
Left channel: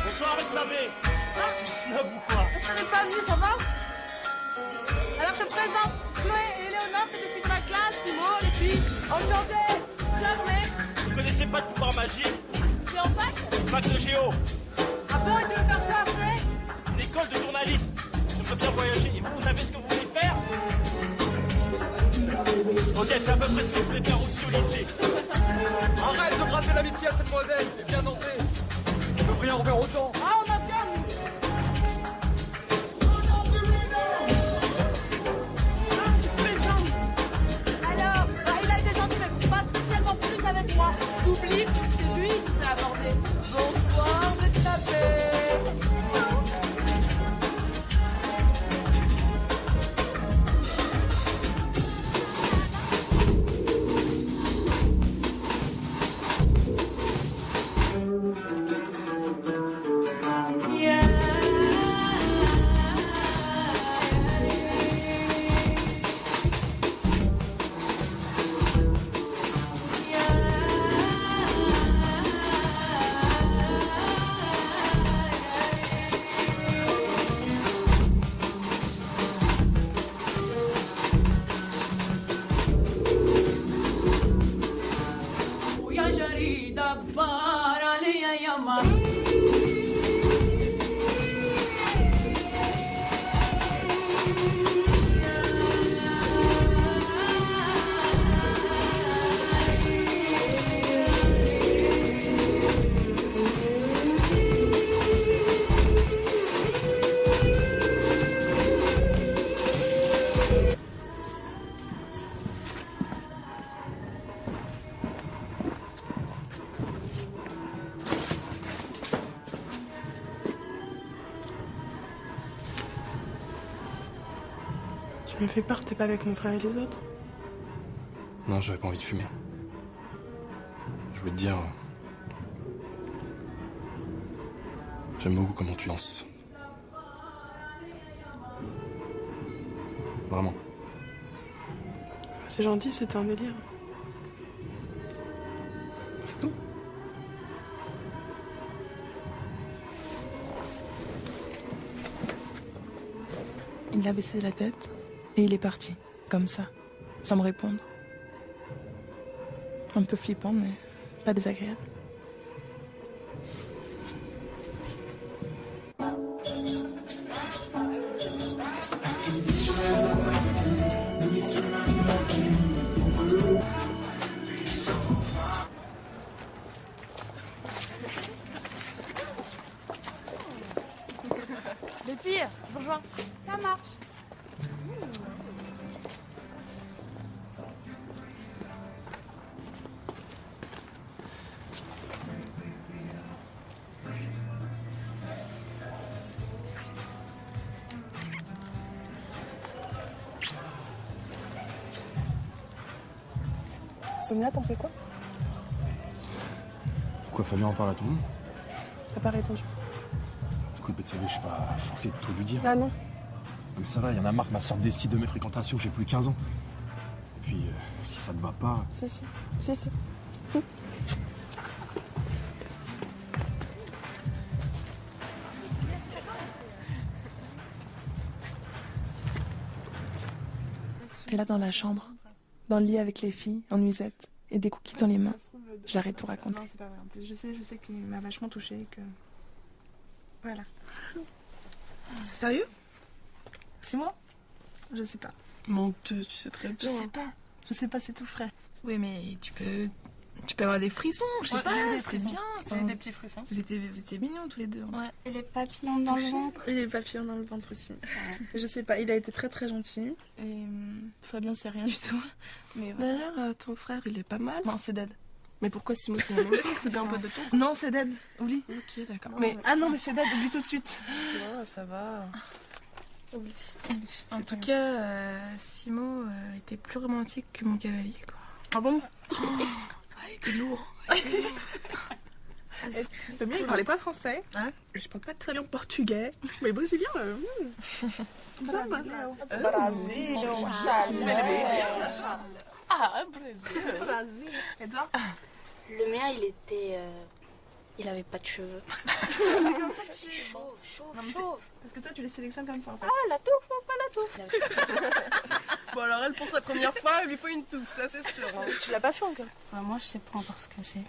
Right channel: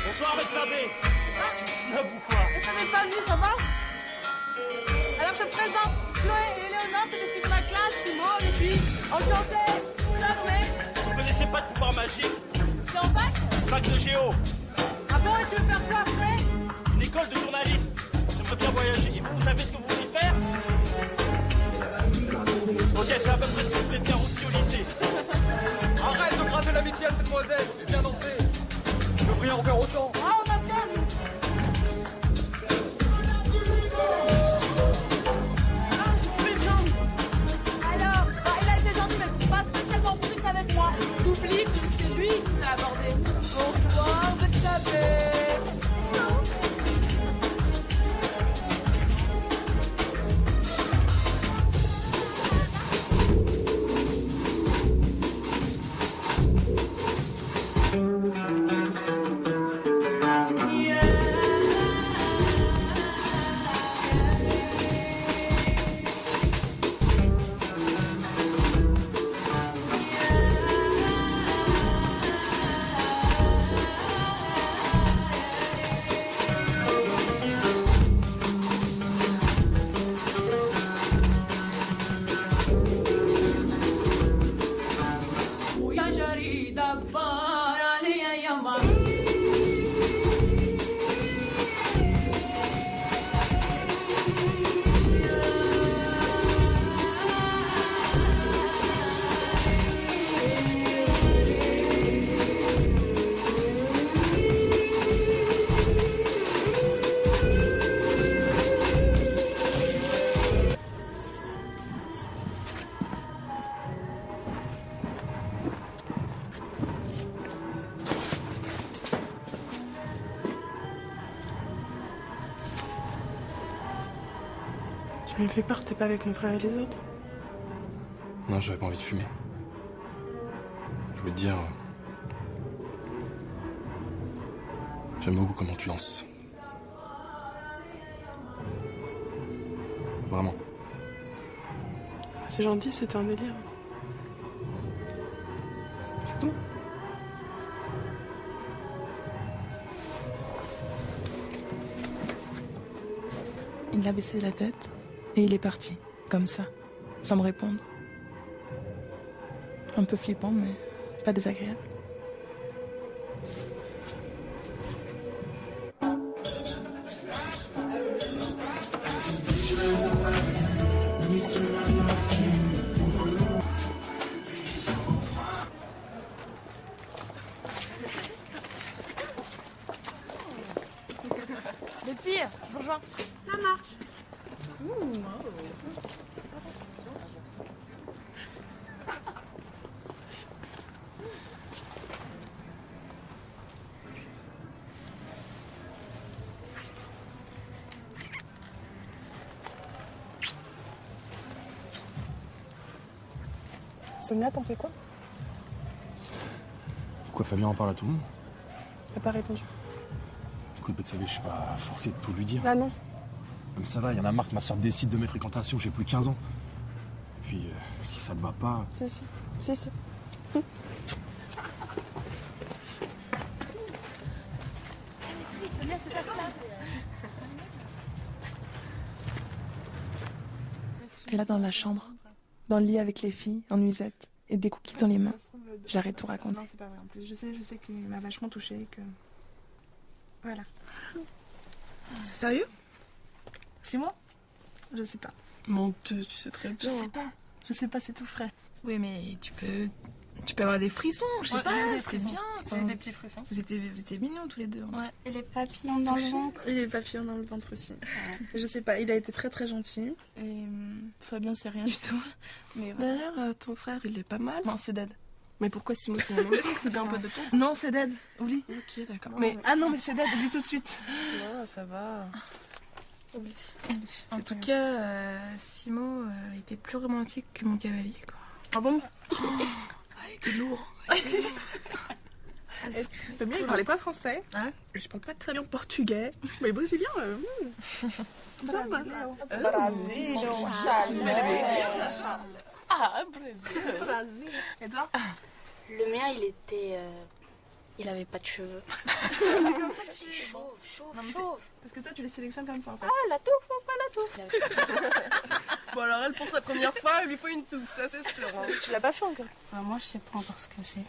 Bonsoir, Betsabé. Tu suis là ou quoi? Je savais pas venir, ça va? Alors je te présente Chloé et Léonore, c'est des filles de ma classe, Simon, les filles. Enchantée. Sœur, mec. Vous connaissez pas de pouvoir magique? T'es en fac? Fac de géo. Ah bon, et tu veux faire quoi après? Une école de journalisme. Je veux bien voyager. Et vous savez ce que vous voulez faire? Ok, c'est à peu près ce que je voulais faire aussi au lycée. Arrête de gratter l'amitié à ces demoiselles et viens danser. Le prix en verre autant. Ah, on a bien. Alors, il a été gentil, mais pas spécialement plus avec moi. T'oublies que c'est lui qui t'a abordé. Bonsoir, vous êtes tapés. ويا جريدك فار علي يا مر Tu me fais peur, t'es pas avec mon frère et les autres? Non, j'avais pas envie de fumer. Je voulais te dire. J'aime beaucoup comment tu danses. Vraiment. C'est gentil, c'était un délire. C'est tout. Il a baissé la tête et il est parti, comme ça, sans me répondre. Un peu flippant, mais pas désagréable. Les filles, bonjour. Ça marche. Sonia, t'en fais quoi? Pourquoi Fabien en parle à tout le monde? T'as pas répondu. Écoute, Betsabe, je suis pas forcé de tout lui dire. Ah non. Mais ça va, il y en a marre que ma soeur décide de mes fréquentations, j'ai plus 15 ans. Et puis, si ça ne va pas... Si. Et là, dans la chambre, dans le lit avec les filles, en nuisette, et des cookies dans les mains, j'arrête de tout raconter. Non, c'est pas vrai. En plus, je sais qu'il m'a vachement touchée. Que... Voilà. C'est sérieux? C'est moi? Je sais pas. Mon Dieu, tu sais très bien. Je sais pas, c'est tout frais. Oui, mais tu peux avoir des frissons, je sais Ouais, pas, j'ai des c'est frissons. bien. J'ai des petits frissons. Vous étiez mignons tous les deux. Ouais. Et les papillons dans le ventre. Et les papillons dans le ventre aussi. Je sais pas, il a été très très gentil. Et Fabien, c'est rien du tout. Mais d'ailleurs, ton frère, il est pas mal. Non, c'est dead. Mais pourquoi Simon qui me demande? C'est pas un peu de tout. Non, c'est dead. Oublie. Ok, d'accord. Mais ah non, mais c'est dead. Oublie tout de suite. Oh, ça va. En tout cas, Simon était plus romantique que mon cavalier. Quoi. Ah bon? Il était lourd. Fabien, il parlait pas français. Hein? Et je parle pas très bien portugais. Mais brésilien, Ah, Brésil. Et toi? Le mien, il avait pas de cheveux. Chauve. Parce que toi, tu les sélectionnes comme ça. Oh, la touffe, enfin la touffe. Bon, alors elle, pour sa première fois, il lui faut une touffe, ça c'est sûr. Hein. Tu l'as pas fait encore? Moi, je sais pas encore ce que c'est.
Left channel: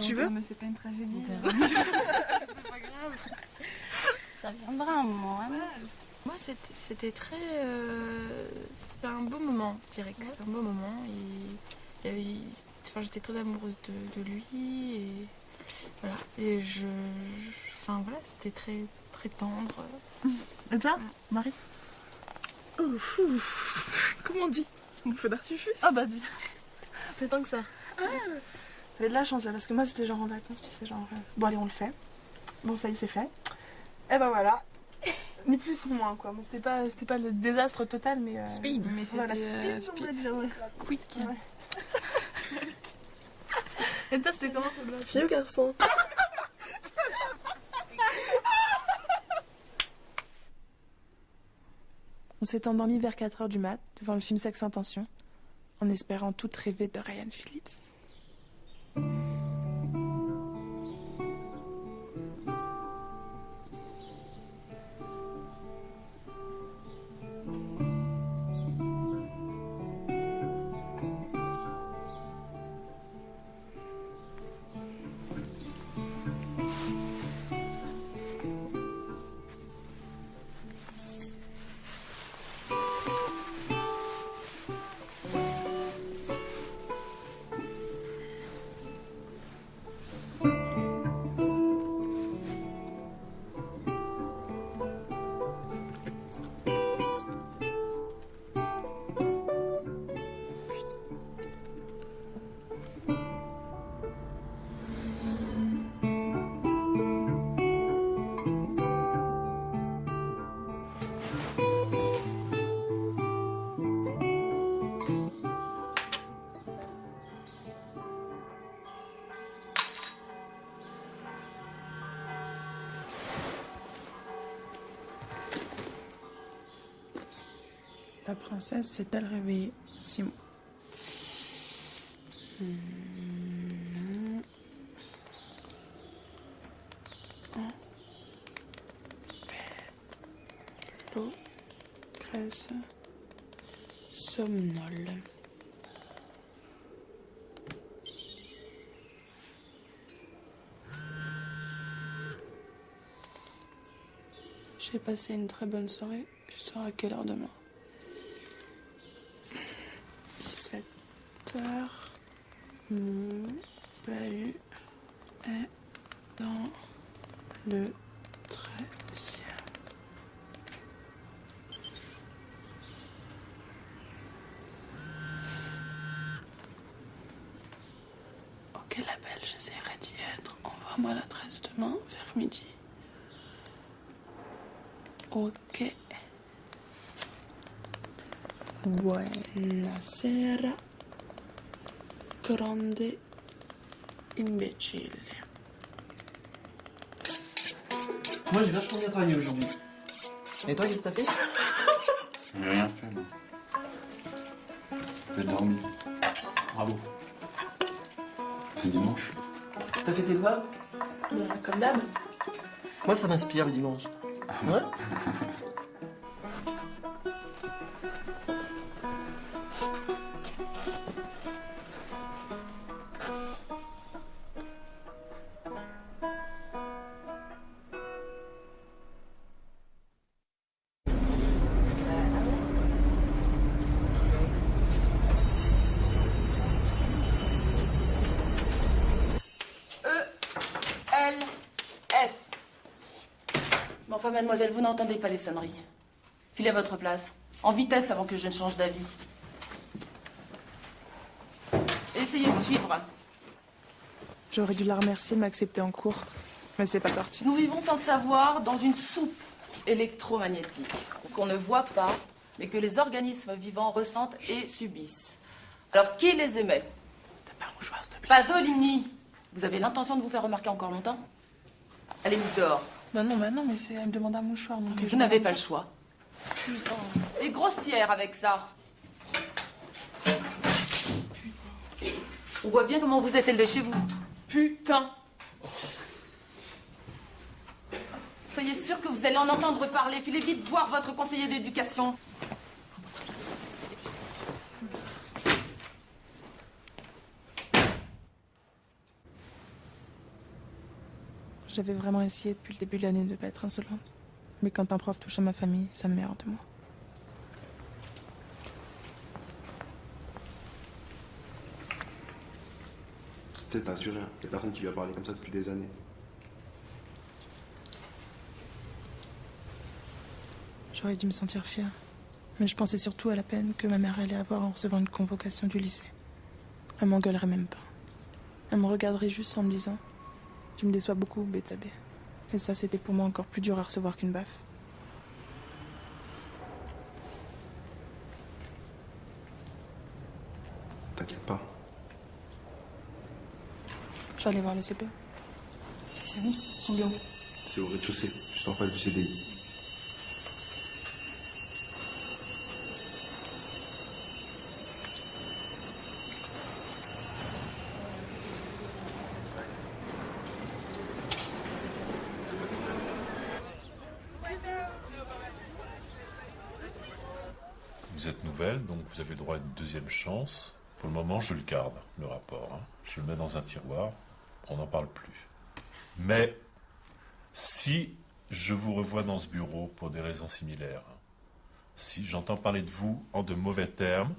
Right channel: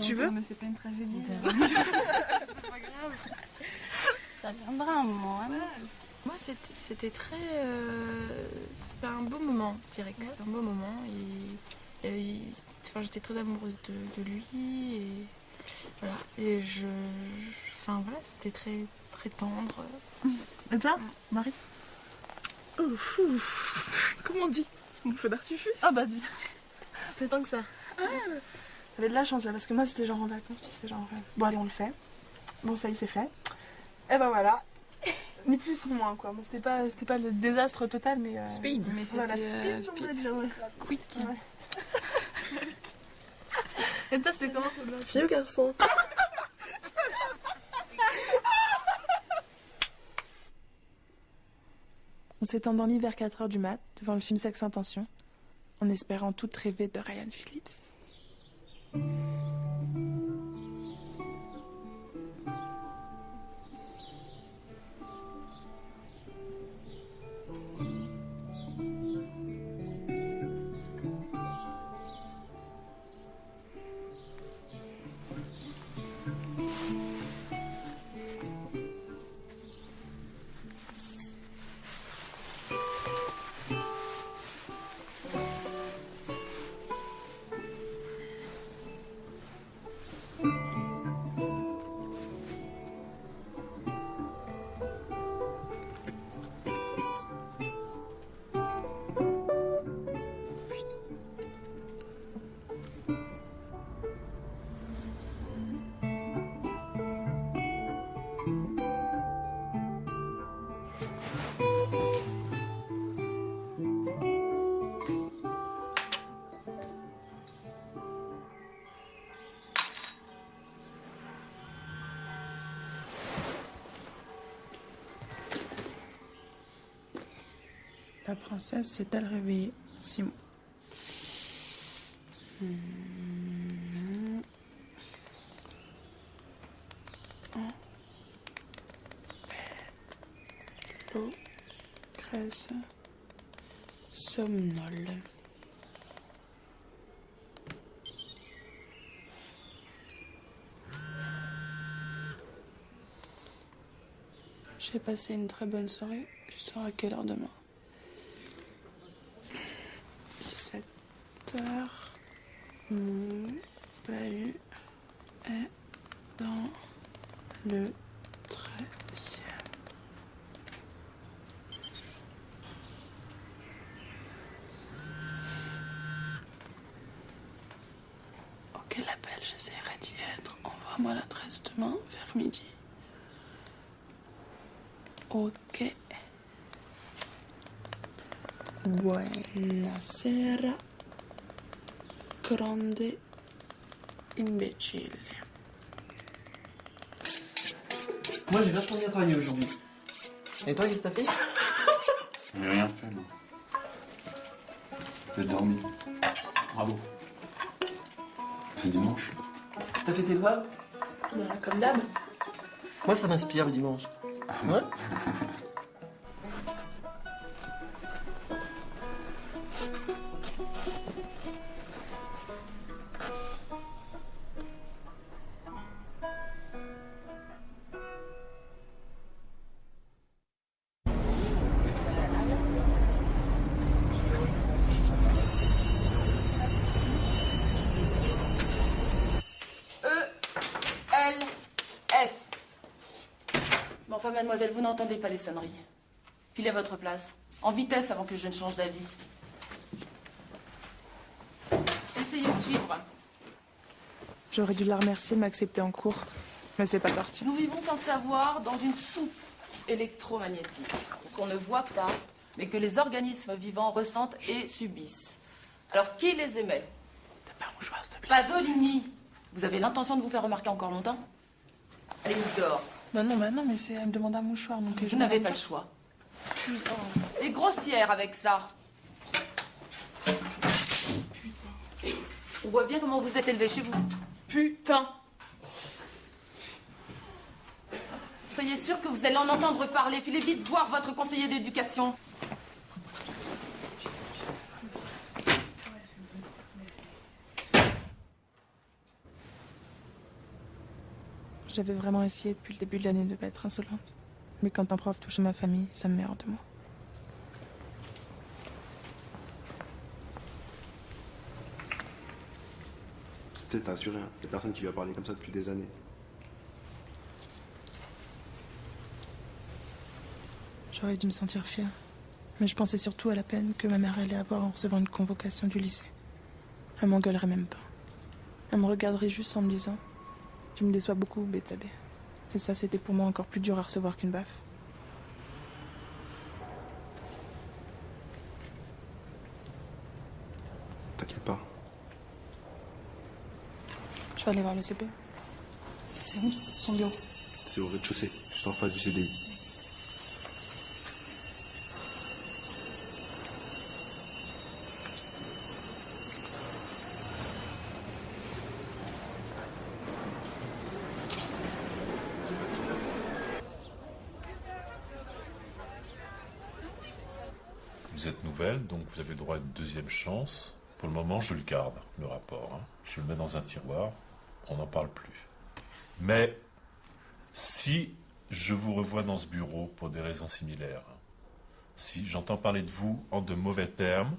Tu veux? Mais c'est pas une tragédie. Ça viendra un moment, hein. Moi, c'était très... c'était un beau moment, je dirais que c'était un beau moment. J'étais très amoureuse de lui. Et voilà. Et enfin, voilà, c'était très, très tendre. Et toi, Marie? Comment on dit? Une feu d'artifice? Ah bah dis. C'est tant que ça. J'avais de la chance, parce que moi, c'était genre en vacances, c'est genre... Bon, allez, on le fait. Bon, ça y est, c'est fait. Et ben voilà. Ni plus ni moins, quoi. Bon, c'était pas le désastre total, mais... Speed. Mais voilà, c'était... speed. Quick. Ouais. Et toi, c'était comment ce blanc? Vieux garçon. On s'est endormi vers 4h du mat, devant le film Sex Intention, en espérant toutes rêver de Ryan Phillips. La princesse s'est-elle réveillée? Simon. L'eau crèse somnole. J'ai passé une très bonne soirée. Tu sors à quelle heure demain? 17h. Bahut est dans le 13e. Ok, l'appel, j'essaierai d'y être. Envoie-moi l'adresse demain vers midi. Ok. Buonasera, grande imbécile. Moi, j'ai vachement bien travaillé aujourd'hui. Et toi, qu'est-ce que t'as fait? J'ai rien fait, moi. J'ai dormi. Bravo. C'est dimanche. T'as fait tes doigts? Comme d'hab. Moi, ça m'inspire le dimanche. Ouais. E-L-F. Bon, enfin, mademoiselle, vous n'entendez pas les sonneries. Filez à votre place. En vitesse avant que je ne change d'avis. Essayez de suivre. J'aurais dû la remercier de m'accepter en cours. Mais c'est pas sorti. Nous vivons sans savoir dans une soupe électromagnétique qu'on ne voit pas, mais que les organismes vivants ressentent et subissent. Alors, qui les émet? T'as pas un mouchoir, s'il te plaît. Pasolini. Vous avez l'intention de vous faire remarquer encore longtemps? Allez, mise dehors. Non, mais c'est elle demande un mouchoir. Donc Vous n'avez pas le choix. Et grossière avec ça. On voit bien comment vous êtes élevé chez vous. Putain. Soyez sûr que vous allez en entendre parler. Filez vite voir votre conseiller d'éducation. J'avais vraiment essayé depuis le début de l'année de pas être insolente. Mais quand un prof touche à ma famille, ça me met hors de moi. Tu sais, t'as assuré, il y a personne qui lui a parlé comme ça depuis des années. J'aurais dû me sentir fière. Mais je pensais surtout à la peine que ma mère allait avoir en recevant une convocation du lycée. Elle m'engueulerait même pas. Elle me regarderait juste en me disant « Tu me déçois beaucoup, Betsabé ». Et ça, c'était pour moi encore plus dur à recevoir qu'une baffe. T'inquiète pas. Je vais aller voir le CP. C'est où, son bureau? C'est au rez-de-chaussée, juste en face du CDI. Vous êtes nouvelle, donc vous avez droit à une deuxième chance. Pour le moment, je le garde, le rapport. Je le mets dans un tiroir, on n'en parle plus. Mais si je vous revois dans ce bureau pour des raisons similaires, si j'entends parler de vous en de mauvais termes,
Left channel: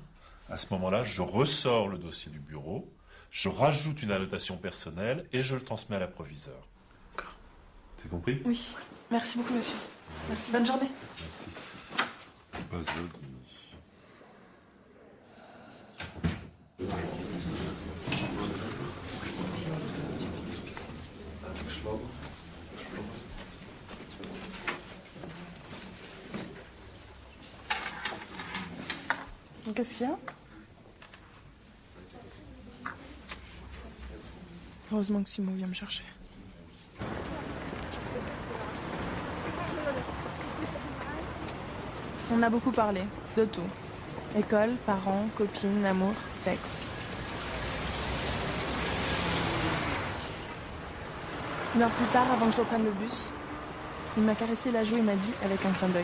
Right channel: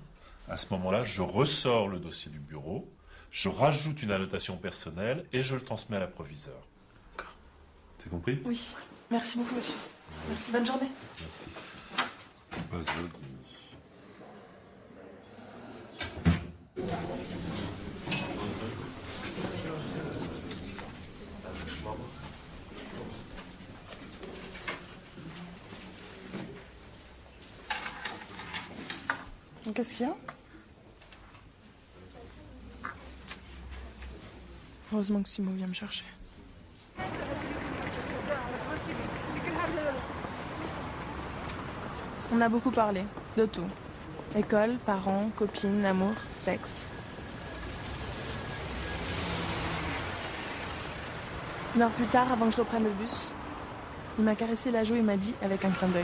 à ce moment-là, je ressors le dossier du bureau, je rajoute une annotation personnelle et je le transmets à la proviseure. C'est compris? Oui. Merci beaucoup, monsieur. Merci, bonne journée. Merci. Pasolini. Qu'est-ce qu'il y a? Heureusement que Simon vient me chercher. On a beaucoup parlé, de tout. École, parents, copines, amour, sexe. Une heure plus tard, avant que je reprenne le bus, il m'a caressé la joue et m'a dit, avec un clin d'œil:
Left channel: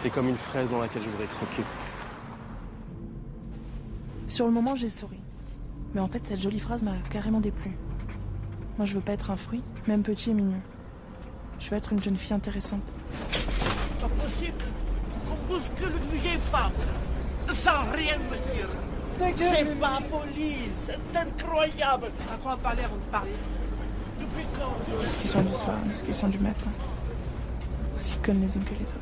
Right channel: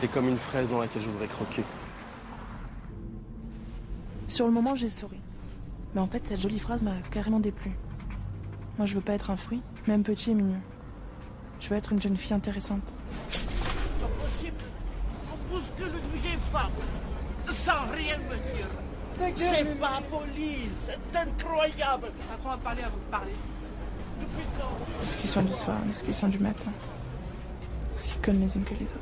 T'es comme une fraise dans laquelle je voudrais croquer. Sur le moment, j'ai souri. Mais en fait, cette jolie phrase m'a carrément déplu. Moi, je veux pas être un fruit, même petit et mignon. Je veux être une jeune fille intéressante. Pas possible. On bouscule une vieille femme. Sans rien me dire. C'est pas poli, c'est incroyable. À quoi parler, parler? Depuis quand? Discussion du soir, discussion du matin. Aussi connes les unes que les autres.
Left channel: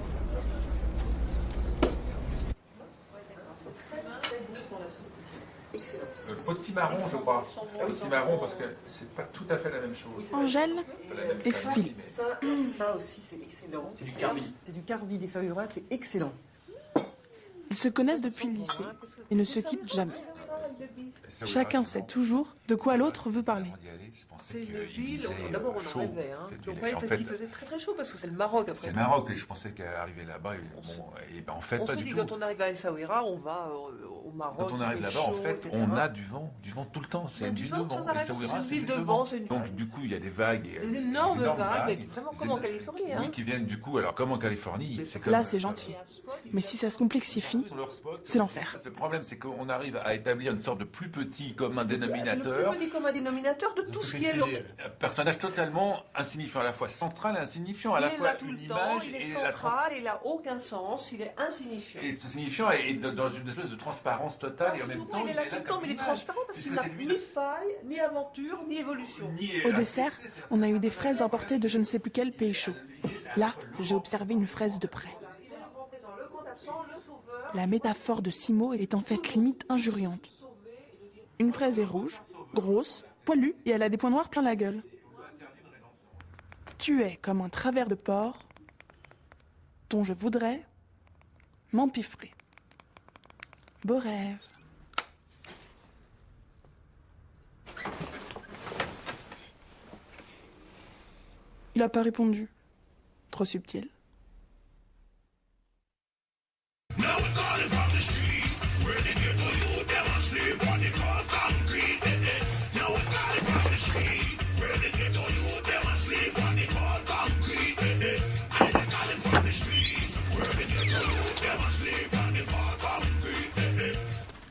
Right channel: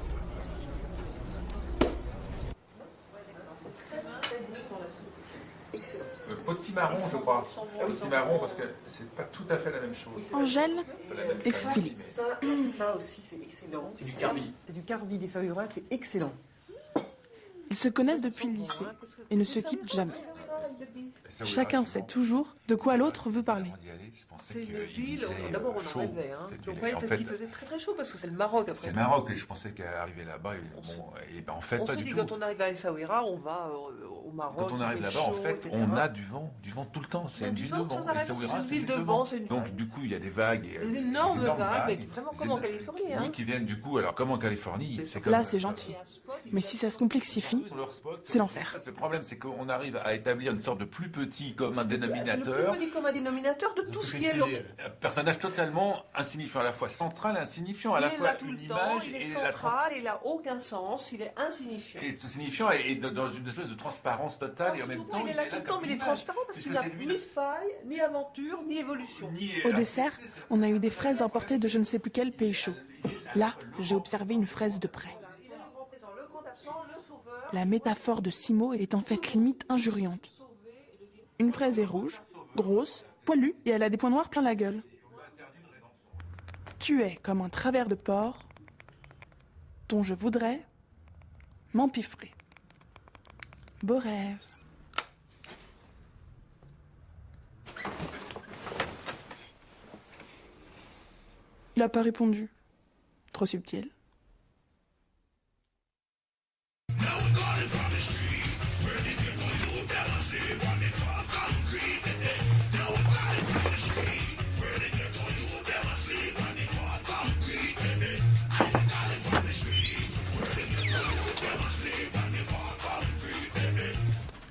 Potimarron, je crois. Potimarron, parce que c'est pas tout à fait la même chose. Angèle et Philippe. Ça aussi, c'est excellent. C'est du carbi des Saint-Lois, c'est excellent. Ils se connaissent depuis le lycée et ne se quittent jamais. Chacun sait toujours de quoi l'autre veut parler. C'est une ville, d'abord on en rêvait, hein. On croyait peut-être qu'il faisait très très chaud parce que c'est le Maroc après. C'est le Maroc, et je pensais qu'arriver là-bas, et ben en fait, pas du tout. On s'est dit quand on arrive à Essaouira, on va au Maroc. Quand on arrive là-bas, en fait, on a du vent tout le temps. C'est une ville de vent. C'est une ville de vent, c'est une donc du coup, il y a des vagues. Des énormes vagues, vraiment comme en Californie. Oui, qui viennent du coup, alors comme en Californie. Là, c'est gentil. Mais si ça se complexifie, c'est l'enfer. Le problème, c'est qu'on arrive à établir une sorte de plus petit commun dénominateur. Comme un dénominateur de tout ce qui est. Un personnage totalement insignifiant, à la fois central et insignifiant, à la fois une image il est et central, il n'a aucun sens, il est insignifiant. C'est signifiant et dans une espèce de transparence totale et en même temps il est là tout le temps, mais il est transparent parce qu'il n'a ni faille, ni aventure, ni évolution. Au dessert, on a eu des fraises importées de je ne sais plus quel pays chaud. Là, j'ai observé une fraise de près. La métaphore de Simo est en fait limite injuriante. Une fraise est rouge, grosse, poilue et elle a des points noirs plein la gueule. Tu es comme un travers de porc dont je voudrais m'empiffrer. Beau rêve. Il n'a pas répondu. Trop subtil.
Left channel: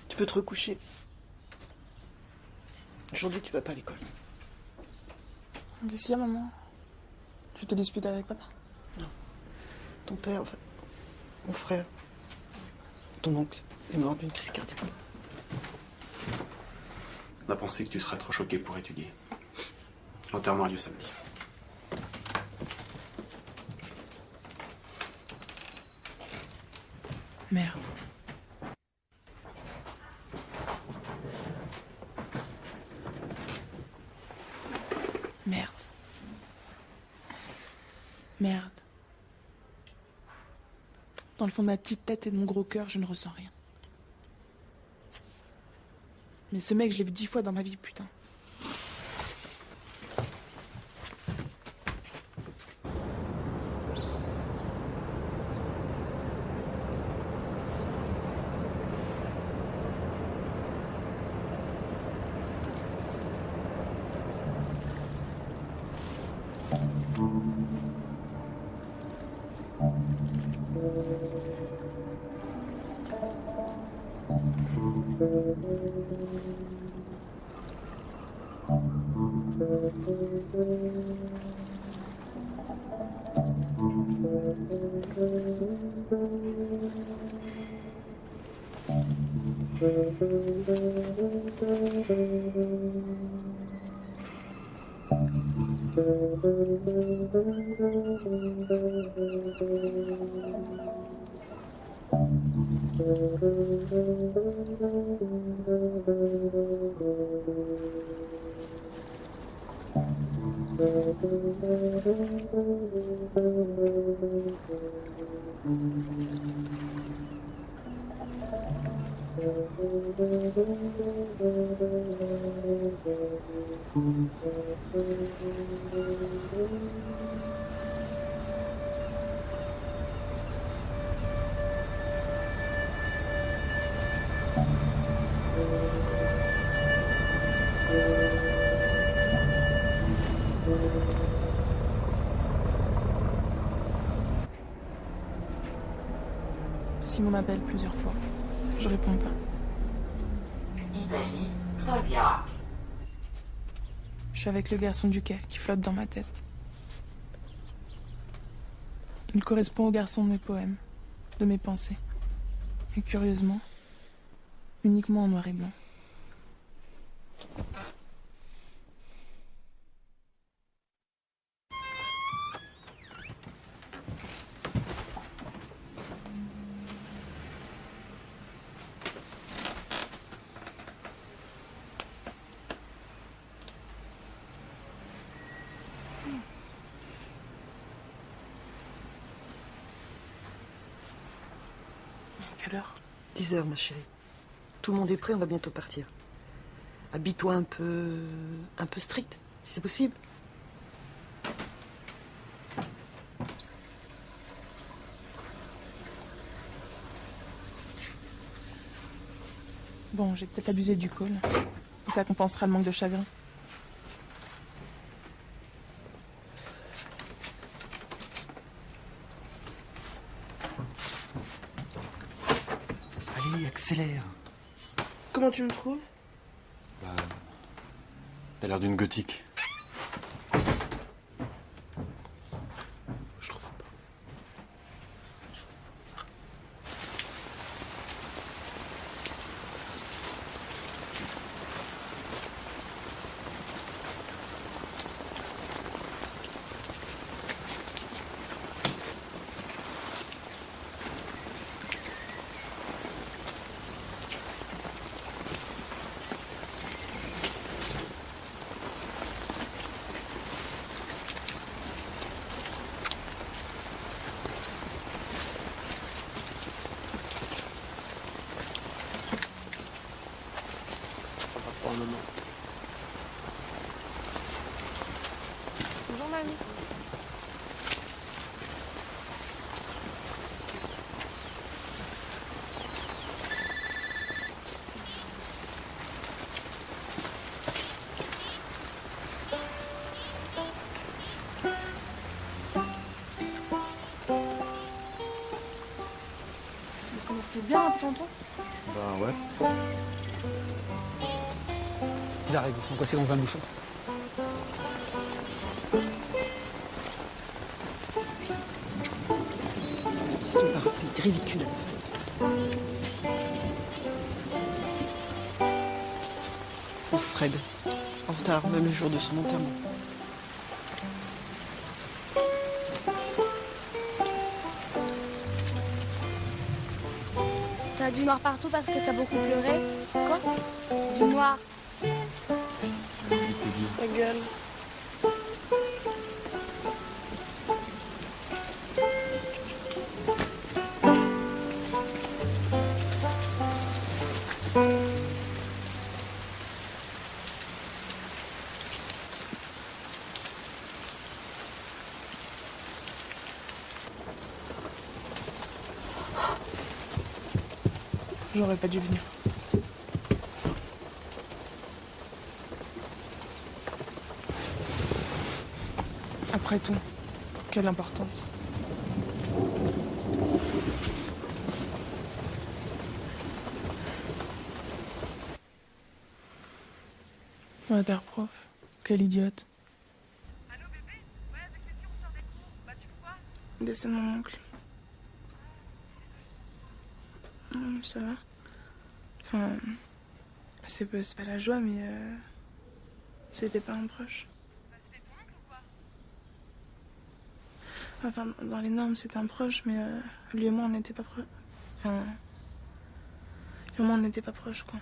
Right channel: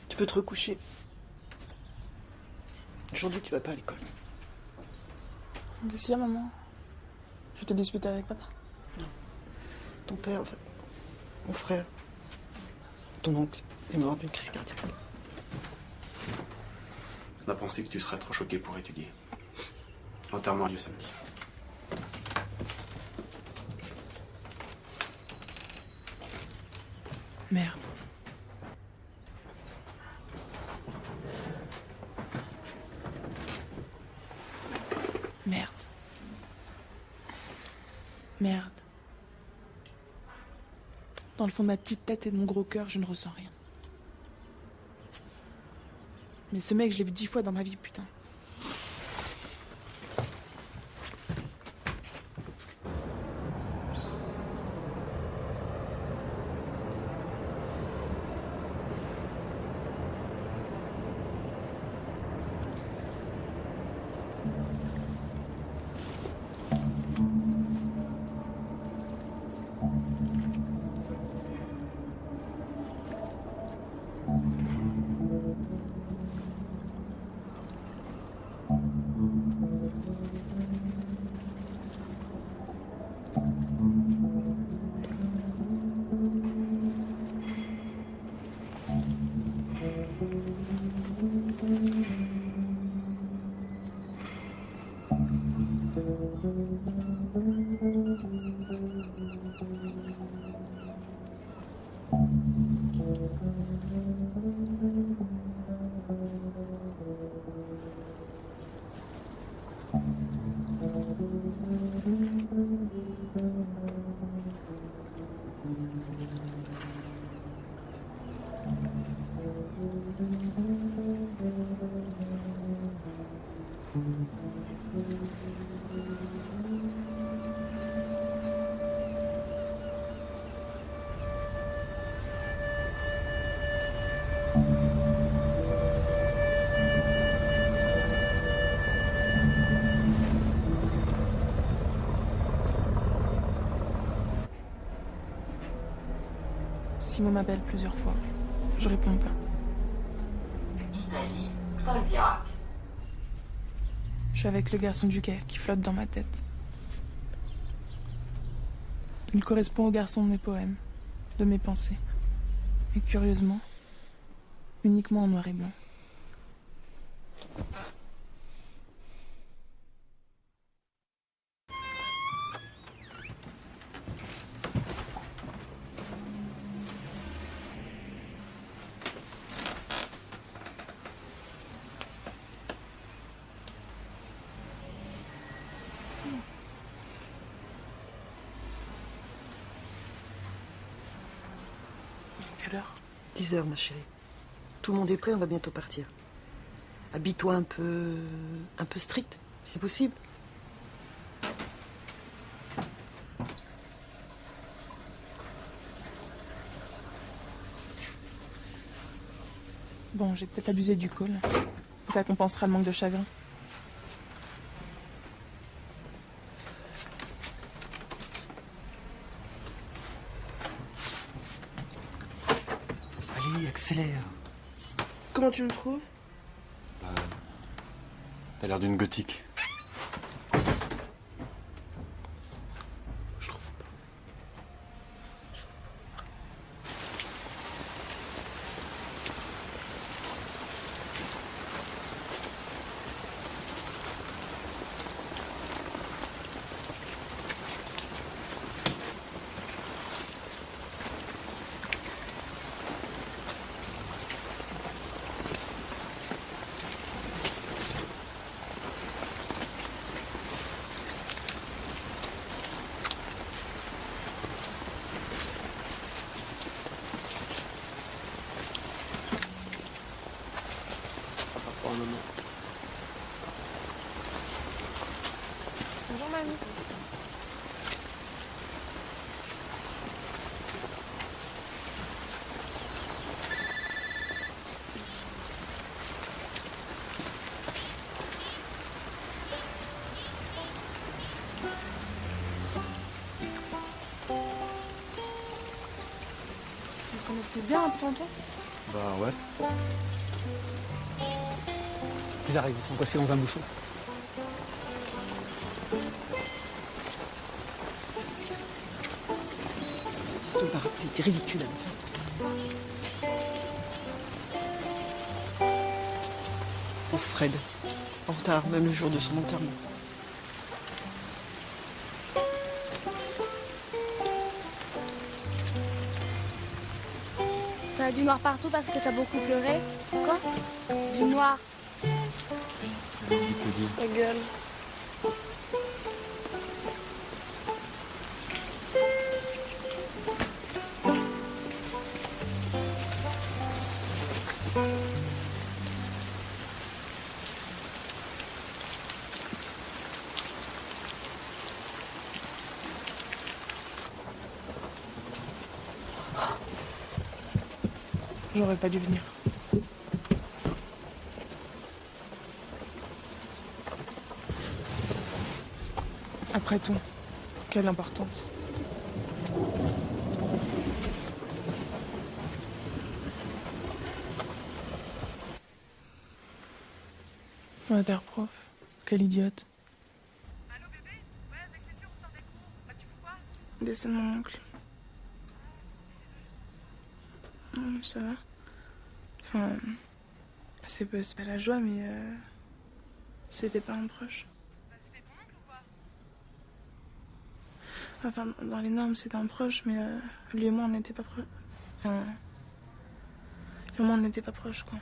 Tu peux te recoucher. Aujourd'hui, tu vas pas à l'école. Qu'est-ce qu'il y a, maman? Tu t'es disputé avec papa? Non. Ton père, en fait. Mon frère. Ton oncle. Il est mort d'une crise cardiaque. On a pensé que tu serais trop choqué pour étudier. Enterre-moi à Yosemite. Merde. Merde. Merde. Dans le fond de ma petite tête et de mon gros cœur, je ne ressens rien. Mais ce mec, je l'ai vu 10 fois dans ma vie, putain. Simo m'appelle plusieurs fois. Je réponds pas. Je suis avec le garçon du quai qui flotte dans ma tête. Il correspond au garçon de mes poèmes, de mes pensées. Et curieusement, uniquement en noir et blanc. Quelle heure? 10 heures, ma chérie. Tout le monde est prêt, on va bientôt partir. Habille-toi un peu strict, si c'est possible. Bon, j'ai peut-être abusé du col. Ça compensera le manque de chagrin. Allez, accélère. Comment tu me trouves? T'as l'air d'une gothique. Pour le moment. Bonjour mamie. Vous connaissez bien Raptantou? Bah ouais. Ils arrivent, ils sont coincés dans un bouchon. Ce parapluie est ridicule. Oh Fred, en retard, même le jour de son enterrement. T'as du noir partout parce que t'as beaucoup pleuré? Quoi? Du noir. Je te dis ta gueule. J'aurais pas dû venir. Après tout, quelle importance. Prof, quelle idiote. C'est mon oncle. Ça va? Enfin, c'est pas la joie, mais c'était pas un proche. Enfin, dans les normes, c'est un proche, mais lui et moi, on n'était pas proches. Enfin, lui et moi, on n'était pas proches, quoi.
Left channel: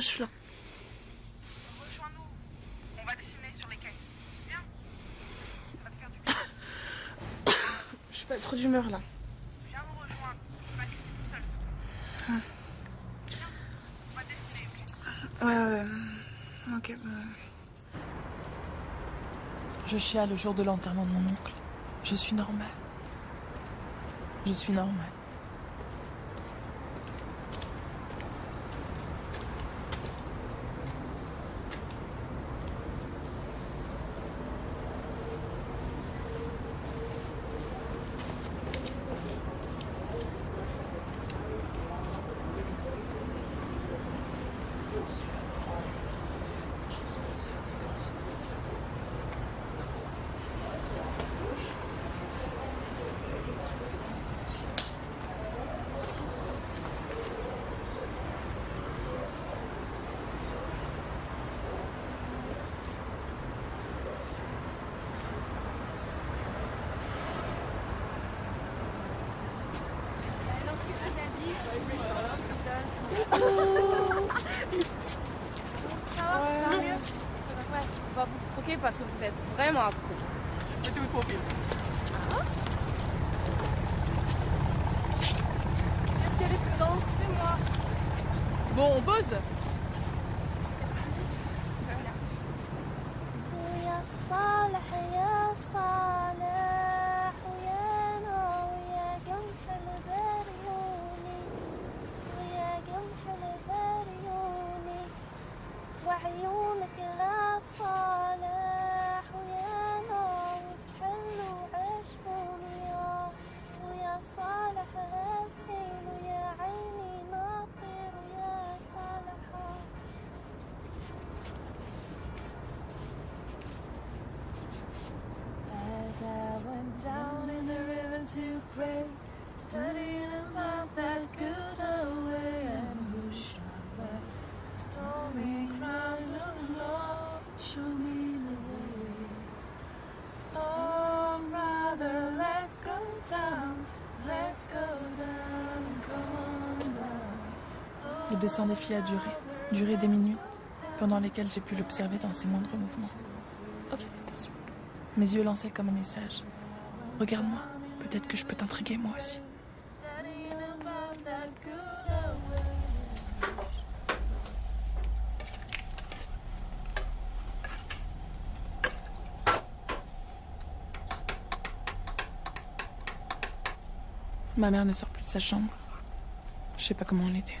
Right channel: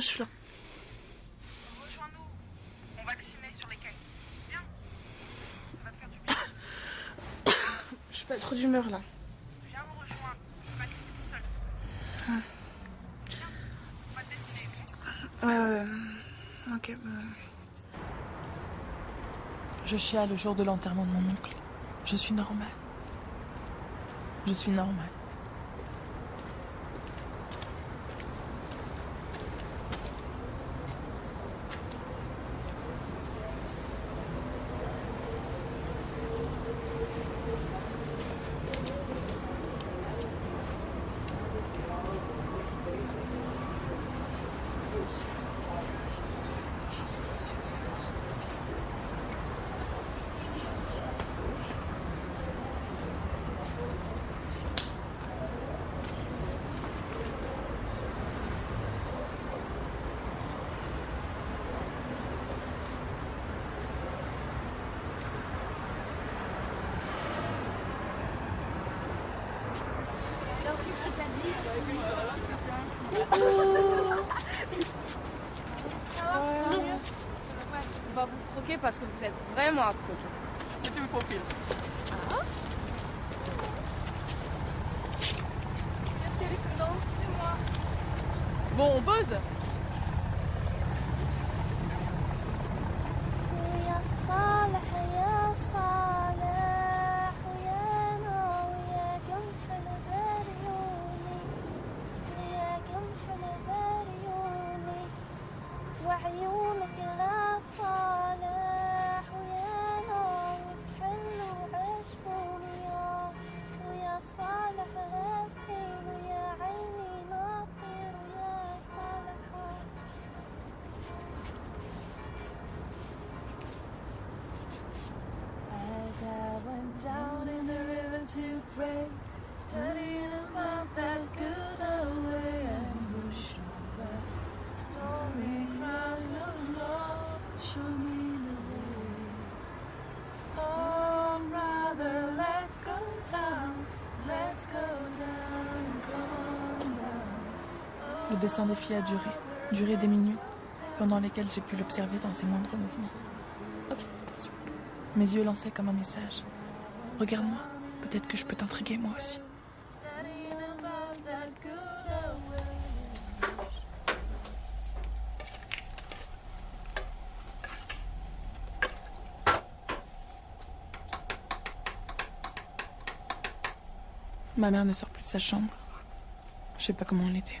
je suis là. On va dessiner sur les quais. Viens. Ça va te faire du bien. Je suis pas trop d'humeur là. Viens me rejoindre. On va dessiner tout seul. On va dessiner. Ok. Je chiale le jour de l'enterrement de mon oncle. Je suis normale. Je suis normale. On va vous croquer parce que vous êtes vraiment accro. Je vais te croquer. Qu'est-ce qu'elle est présente? C'est moi. Bon, on pose. يا صالح يا صالح يا نار يا قمح البريوني يا قمح البريوني وعيونك لا صالح يا نار حلو عشق يا صالح غسيل يا عيني ناطر يا صالح I went down in the river to pray, studying about that good old way and the sharper stormy crown of love, show me the way. Oh, brother, let's go down, come on down. Le dessin des filles a duré des minutes, pendant lesquelles j'ai pu l'observer dans ses moindres mouvements. Mes yeux lançaient comme un message. Regarde-moi, peut-être que je peux t'intriguer moi aussi. Ma mère ne sort plus de sa chambre. Je sais pas comment on était.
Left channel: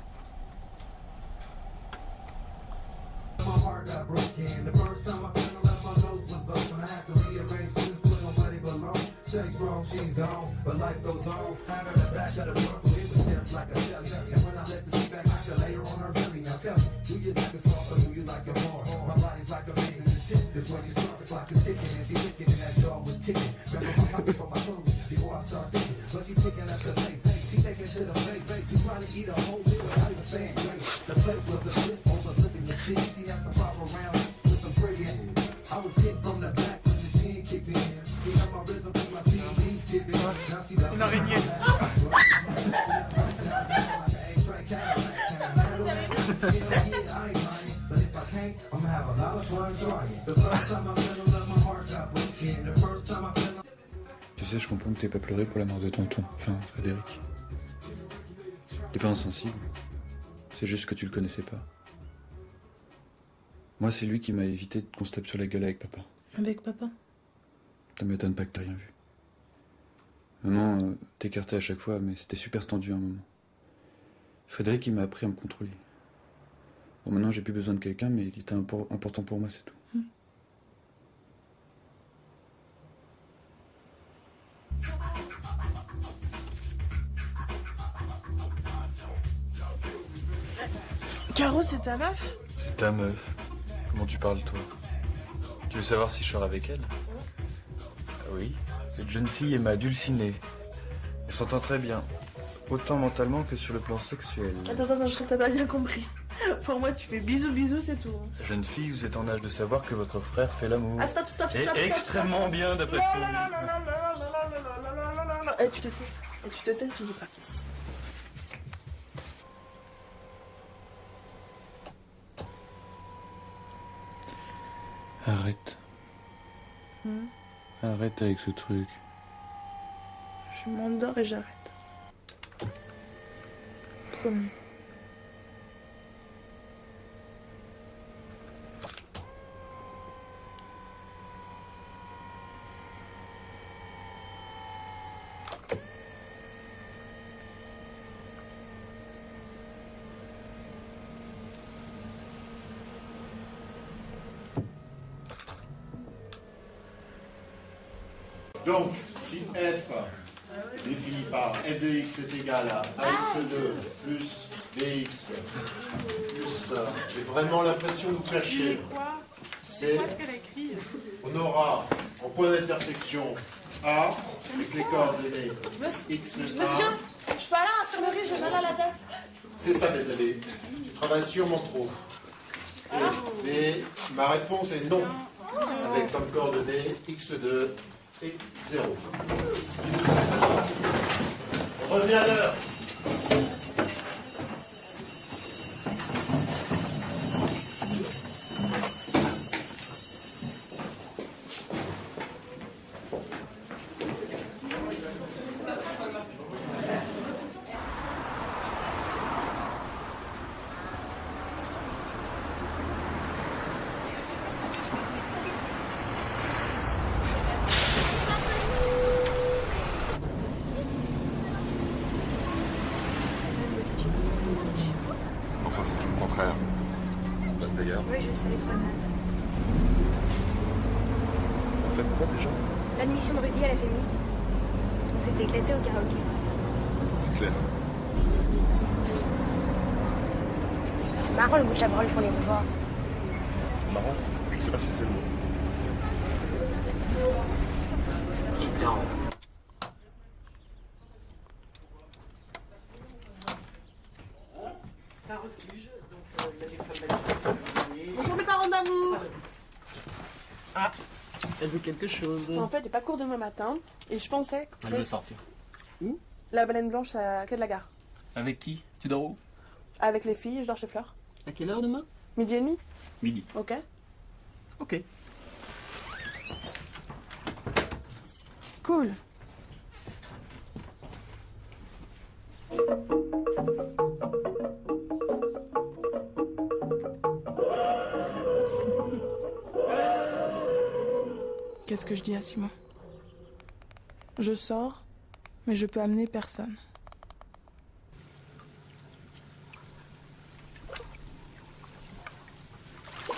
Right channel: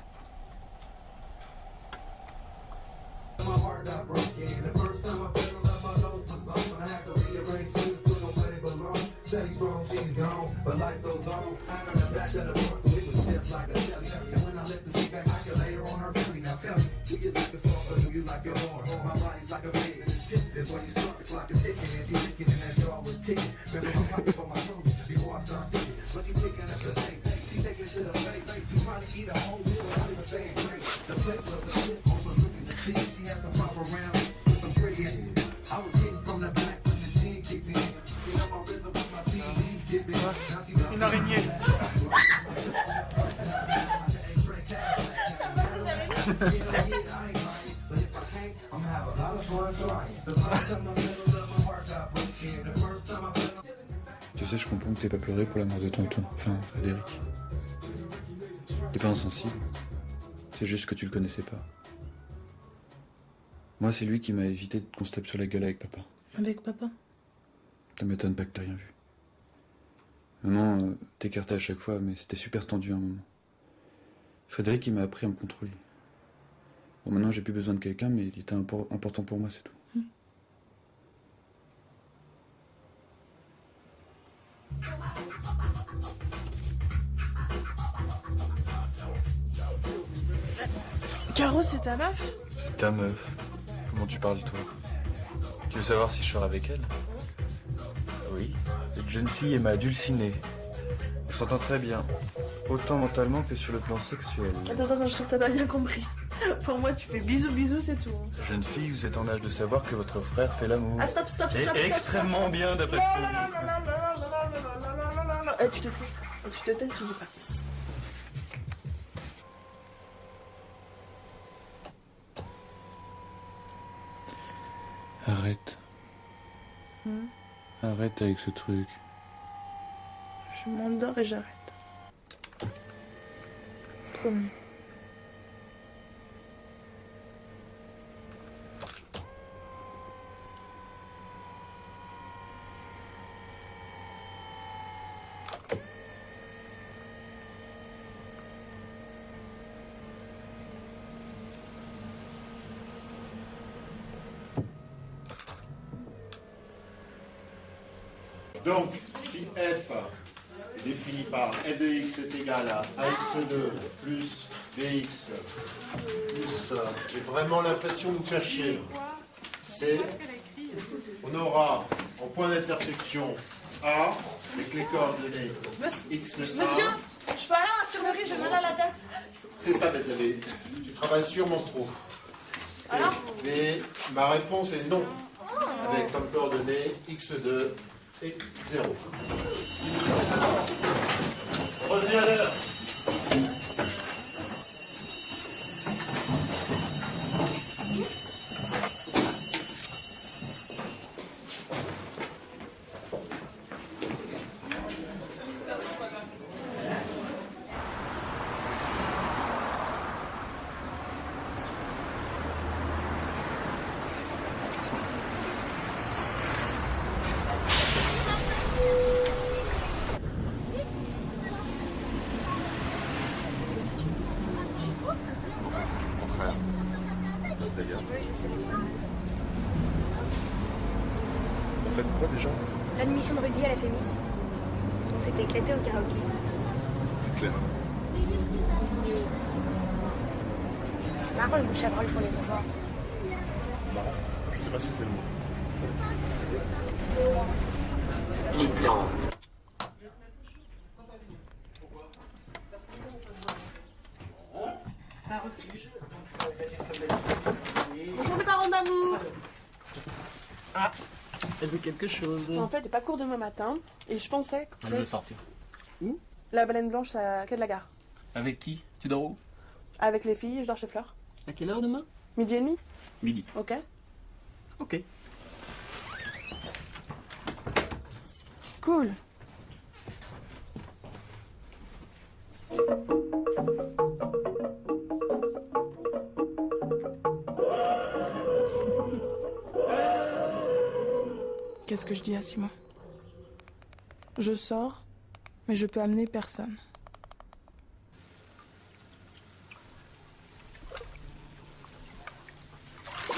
Sex wrong, she's gone, but life goes on. I'm in the back of the trunk, it was just like a jelly. And when I let the seat back, I can lay her on her belly. Now tell me, do you like it soft or do you like it hard? My body's like a blazing stick. That's when you start, the clock is ticking and she's ticking and that dog was kicking. Grabbing my pocket for my phone before I start sticking. But she's picking at the place, she's taking it to the place. She's trying to eat a whole meal without even saying grace. The place was a shit, also looking to see. She had to pop around with some pretty. I was hitting from the back, but the chin kicked in. You know my rhythm. Une araignée. Tu sais, je comprends que t'aies pas pleuré pour la mort de tonton, enfin Frédéric. T'es pas insensible, c'est juste que tu le connaissais pas. Moi, c'est lui qui m'a évité qu'on se tape sur la gueule avec papa. Avec papa? Ça m'étonne pas que t'as rien vu. Maman t'écartais à chaque fois, mais c'était super tendu un moment. Frédéric, il m'a appris à me contrôler. Bon, maintenant, j'ai plus besoin de quelqu'un, mais il était important pour moi, c'est tout. Caro, c'est ta meuf? Ta meuf? Comment tu parles, toi? Tu veux savoir si je sors avec elle? Oui, cette jeune fille est ma dulcinée. On s'entend très bien. Autant mentalement que sur le plan sexuel. Attends, je crois que t'as pas bien compris. Pour moi, tu fais bisous, c'est tout. Jeune fille, vous êtes en âge de savoir que votre frère fait l'amour. Ah, stop. Et extrêmement bien de façon. Eh, tu te tais, tu dis pas. Arrête avec ce truc. Je m'endors et j'arrête. Promis. Donc, si f est défini par f de x est égal à ax2 plus bx plus j'ai vraiment l'impression de vous faire chier. C'est, on aura en point d'intersection A avec les coordonnées x et Monsieur, je suis à l'infirmerie, j'ai mal à la tête. C'est ça, mes amis. Tu travailles sur mon trou. Et ma réponse est non. Avec comme coordonnées x2 et 0. Revenez à l'heure. Enfin, c'est tout le contraire. D'ailleurs. Oui, je sais, trop mince. On fait quoi déjà? L'admission de Rudy à la Fémis. On s'était éclaté en karaoké. C'est clair. C'est marrant le bout de Chabrol pour les revoir. Marrant. Je sais pas si c'est le mot. Bonjour les parents d'amour. Ah, elle veut quelque chose. En fait, j'ai pas cours demain matin et je pensais que Elle veut sortir. Où? la baleine blanche à quai de la gare. Avec qui? Tu dors où? Avec les filles, je dors chez Fleur. À quelle heure demain? Midi et demi. Midi. Ok. Ok. Cool. Qu'est-ce que je dis à Simon? Je sors, mais je peux amener personne.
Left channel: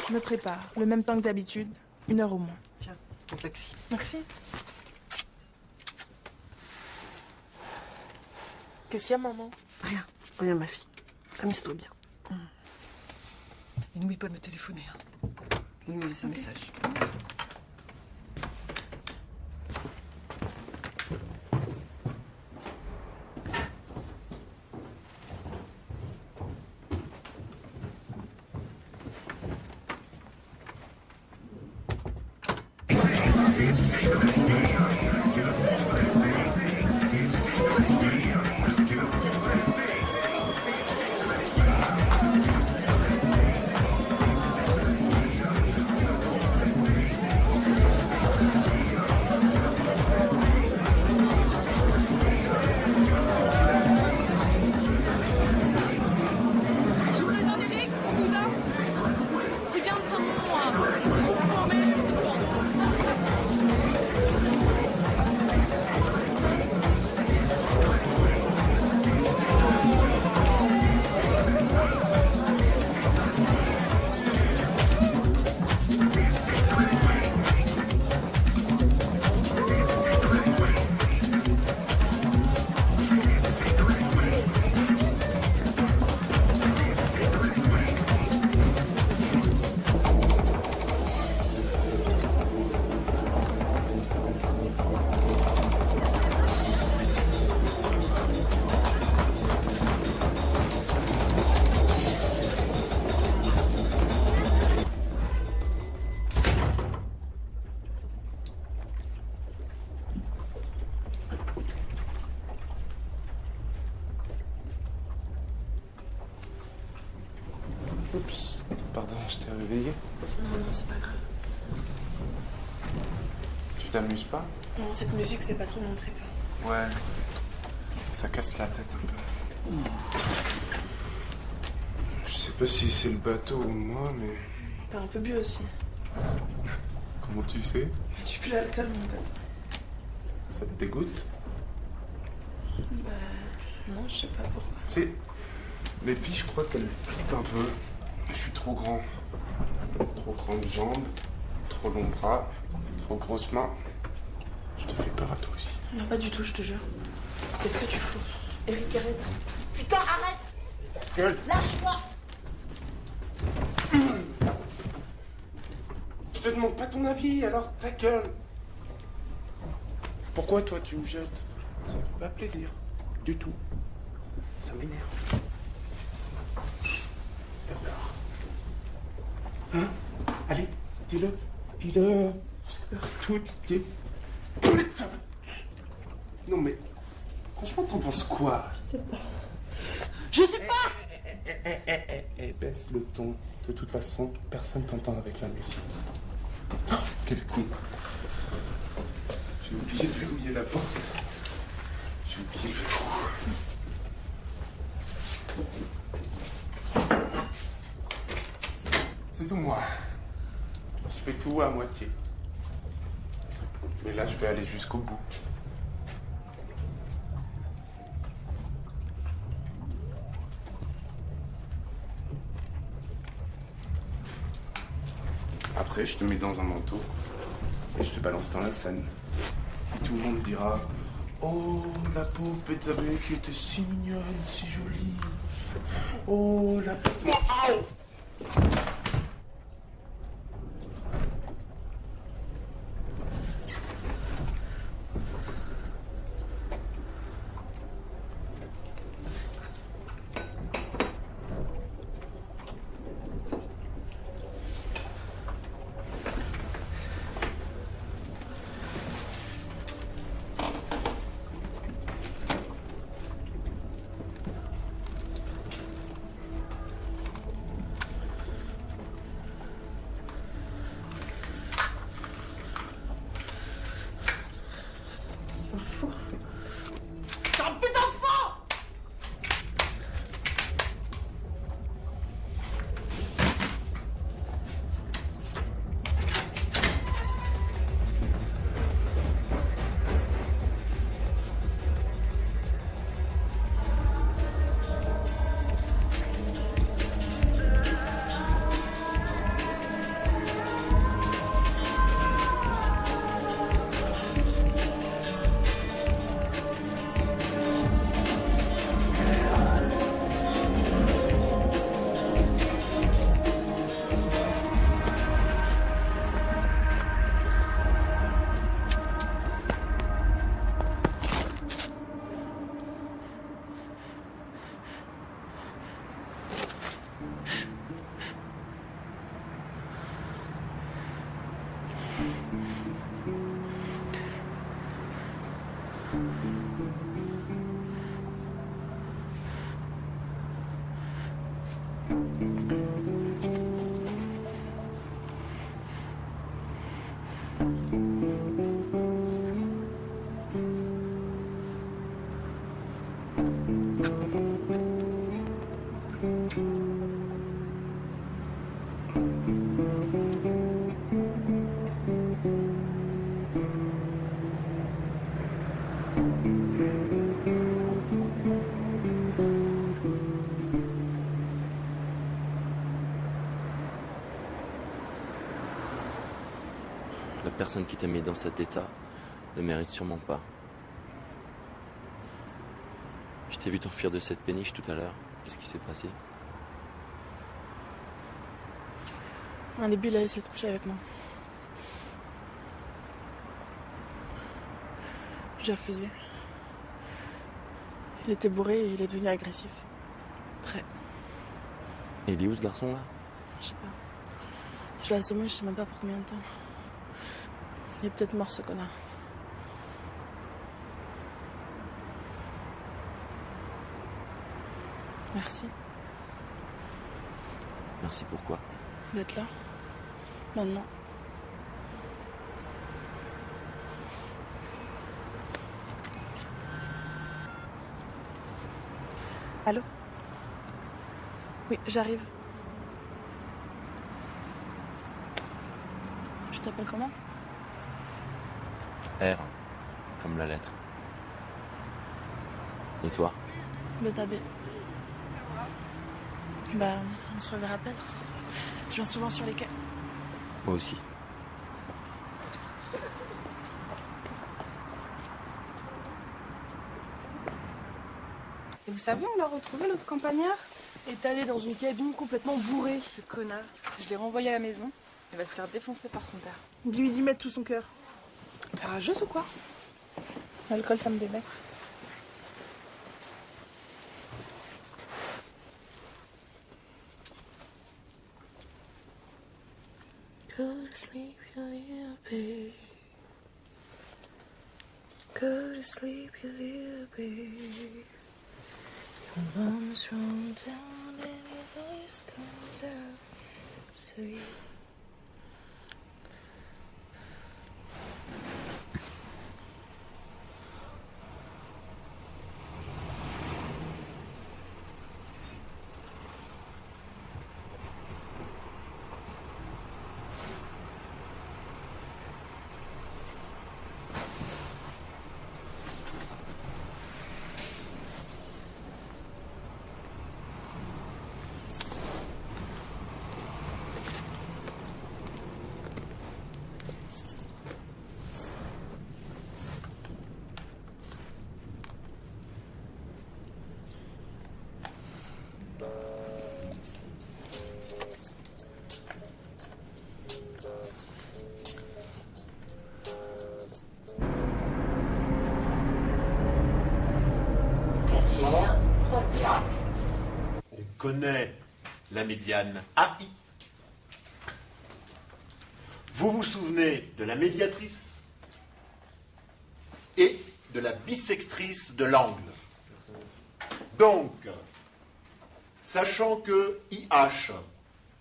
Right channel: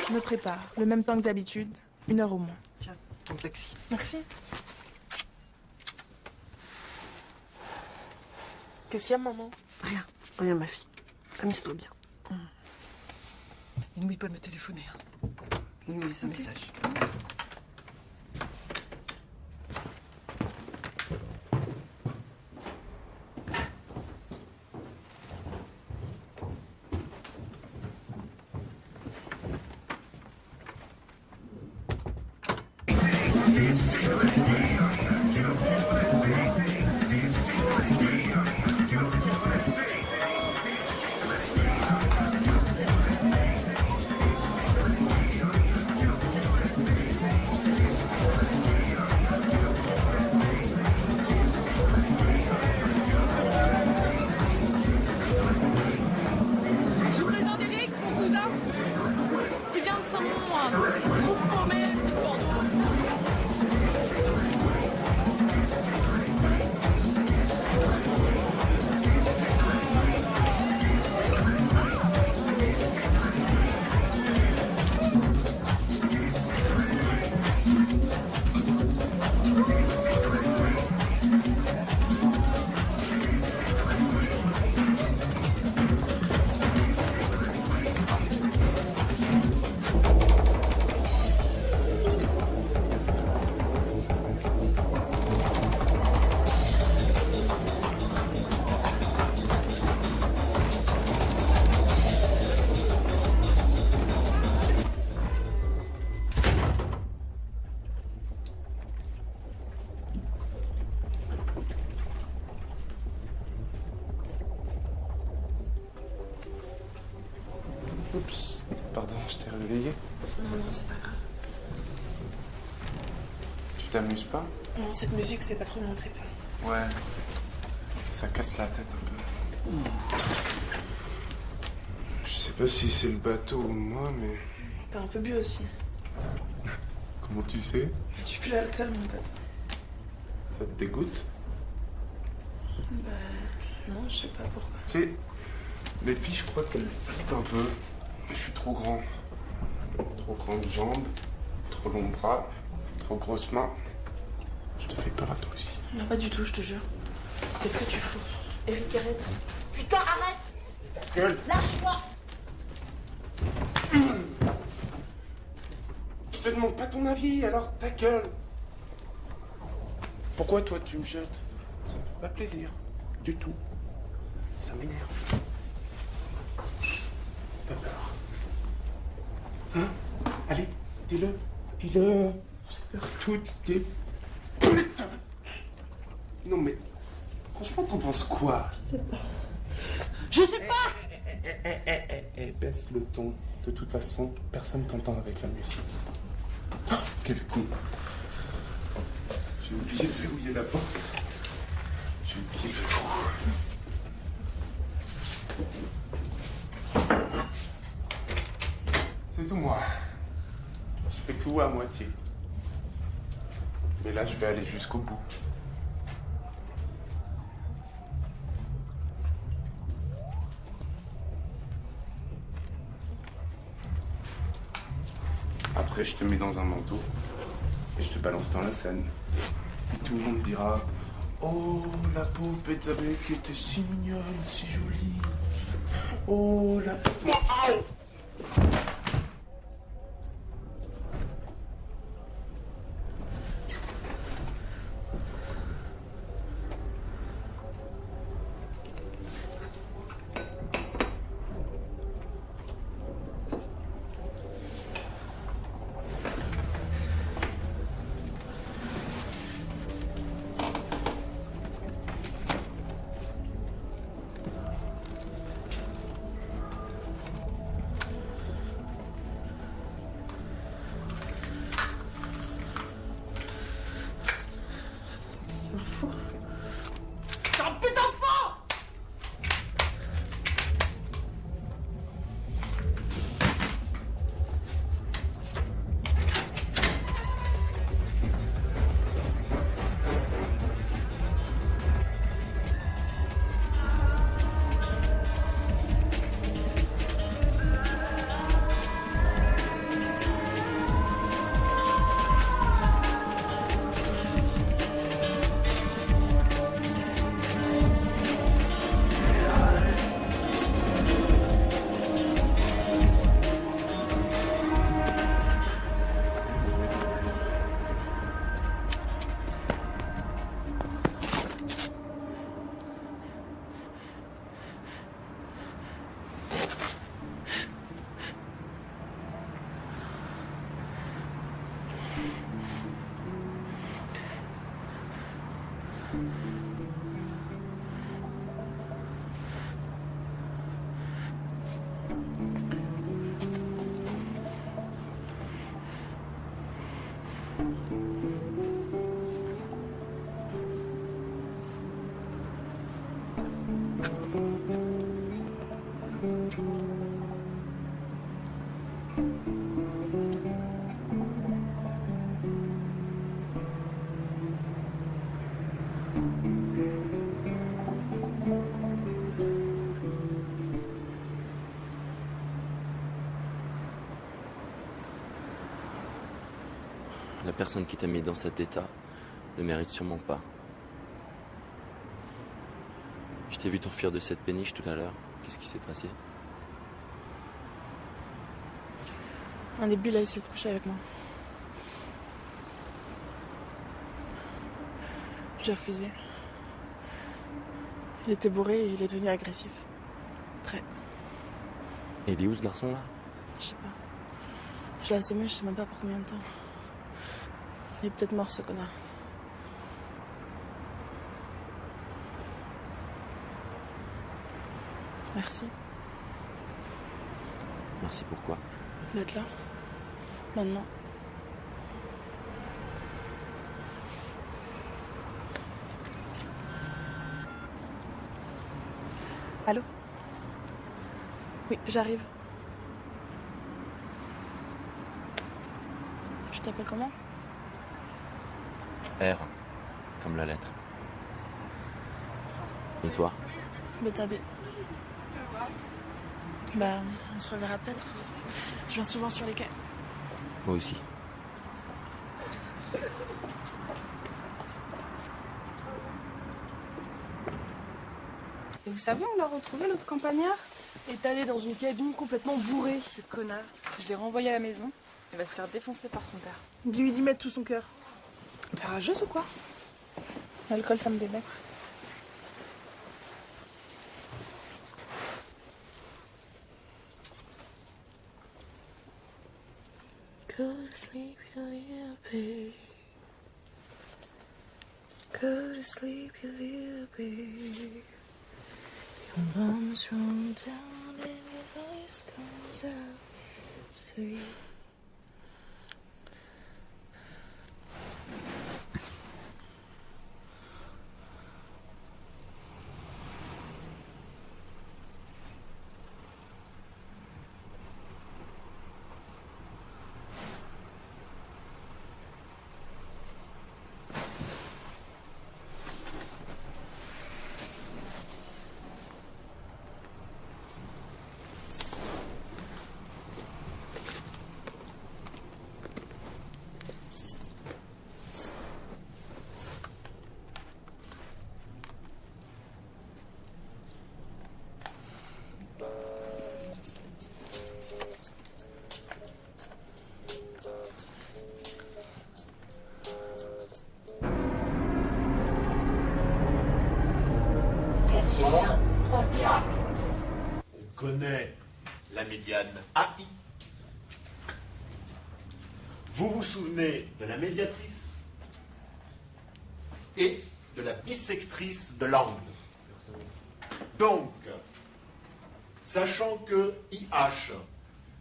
Je me prépare, le même temps que d'habitude, 1 heure au moins. Tiens, ton taxi. Merci. Qu'est-ce qu'il y a, maman? Rien. Rien, ma fille. Amuse-toi bien. Et n'oublie pas de me téléphoner. Hein. On me laisse un message. Je vous présente Eric, mon cousin. Il vient de Saint-Mont. Mais... Oups, pardon, je t'ai réveillé. Non, c'est pas grave. t'amuse pas? Non, cette musique, c'est pas trop mon trip. Ouais. Ça casse la tête un peu. Je sais pas si c'est le bateau ou moi, mais... T'as un peu bu aussi. Comment tu sais? Je suis que l'alcool, mon pote. Ça te dégoûte? Non, je sais pas pourquoi. Tu sais, les filles, je crois qu'elles flippent un peu. Je suis trop grand. Trop grandes jambes, trop longs bras, trop grosses mains. Je te fais peur à toi aussi. Non, pas du tout, je te jure. Qu'est-ce que tu fais? Eric, arrête. Putain, arrête! Ta gueule! Lâche-moi! Je te demande pas ton avis, alors ta gueule! Pourquoi toi tu me jettes? Ça me fait pas plaisir. Du tout. Ça m'énerve. Alors. Hein? Allez, dis-le. Dis-le. Tout dit. Putain! Non mais. Franchement, t'en penses quoi? Je sais pas! Baisse le ton. De toute façon, personne t'entend avec la musique. Oh, quel con. J'ai oublié de verrouiller la porte. J'ai oublié. C'est tout moi. Je fais tout à moitié. Et là, je vais aller jusqu'au bout. Après, je te mets dans un manteau et je te balance dans la Seine. Et tout le monde dira: oh, la pauvre Bethsabe qui était si mignonne, si jolie. Oh, la pauvre. La personne qui t'a mis dans cet état ne mérite sûrement pas. Je t'ai vu t'enfuir de cette péniche tout à l'heure. Qu'est-ce qui s'est passé? Un début, il a essayé de coucher avec moi. J'ai refusé. Il était bourré et il est devenu agressif. Très. Il est où ce garçon-là? Je sais pas. Je l'ai assommé, je sais même pas pour combien de temps. Il est peut-être mort, ce connard. Merci. Merci pourquoi? D'être là. Maintenant. Allô? Oui, j'arrive. Tu t'appelles comment? R, comme la lettre. Et toi? Betabé. Bah, on se reverra peut-être. Je viens souvent sur les quais. Moi aussi. Et vous savez, on l'a retrouvé, l'autre campagnard étalé dans une cabine complètement bourrée, ce connard. Je l'ai renvoyé à la maison. Il va se faire défoncer par son père. Tu lui dis mettre tout son cœur. T'es rageuse ou quoi? L'alcool, ça me débecte. Go to sleep, you little baby. Go to sleep, you little baby. Bombs roll down and your voice comes out. Sleep. On connaît la médiane AI. Vous vous souvenez de la médiatrice et de la bissectrice de l'angle. Donc, sachant que IH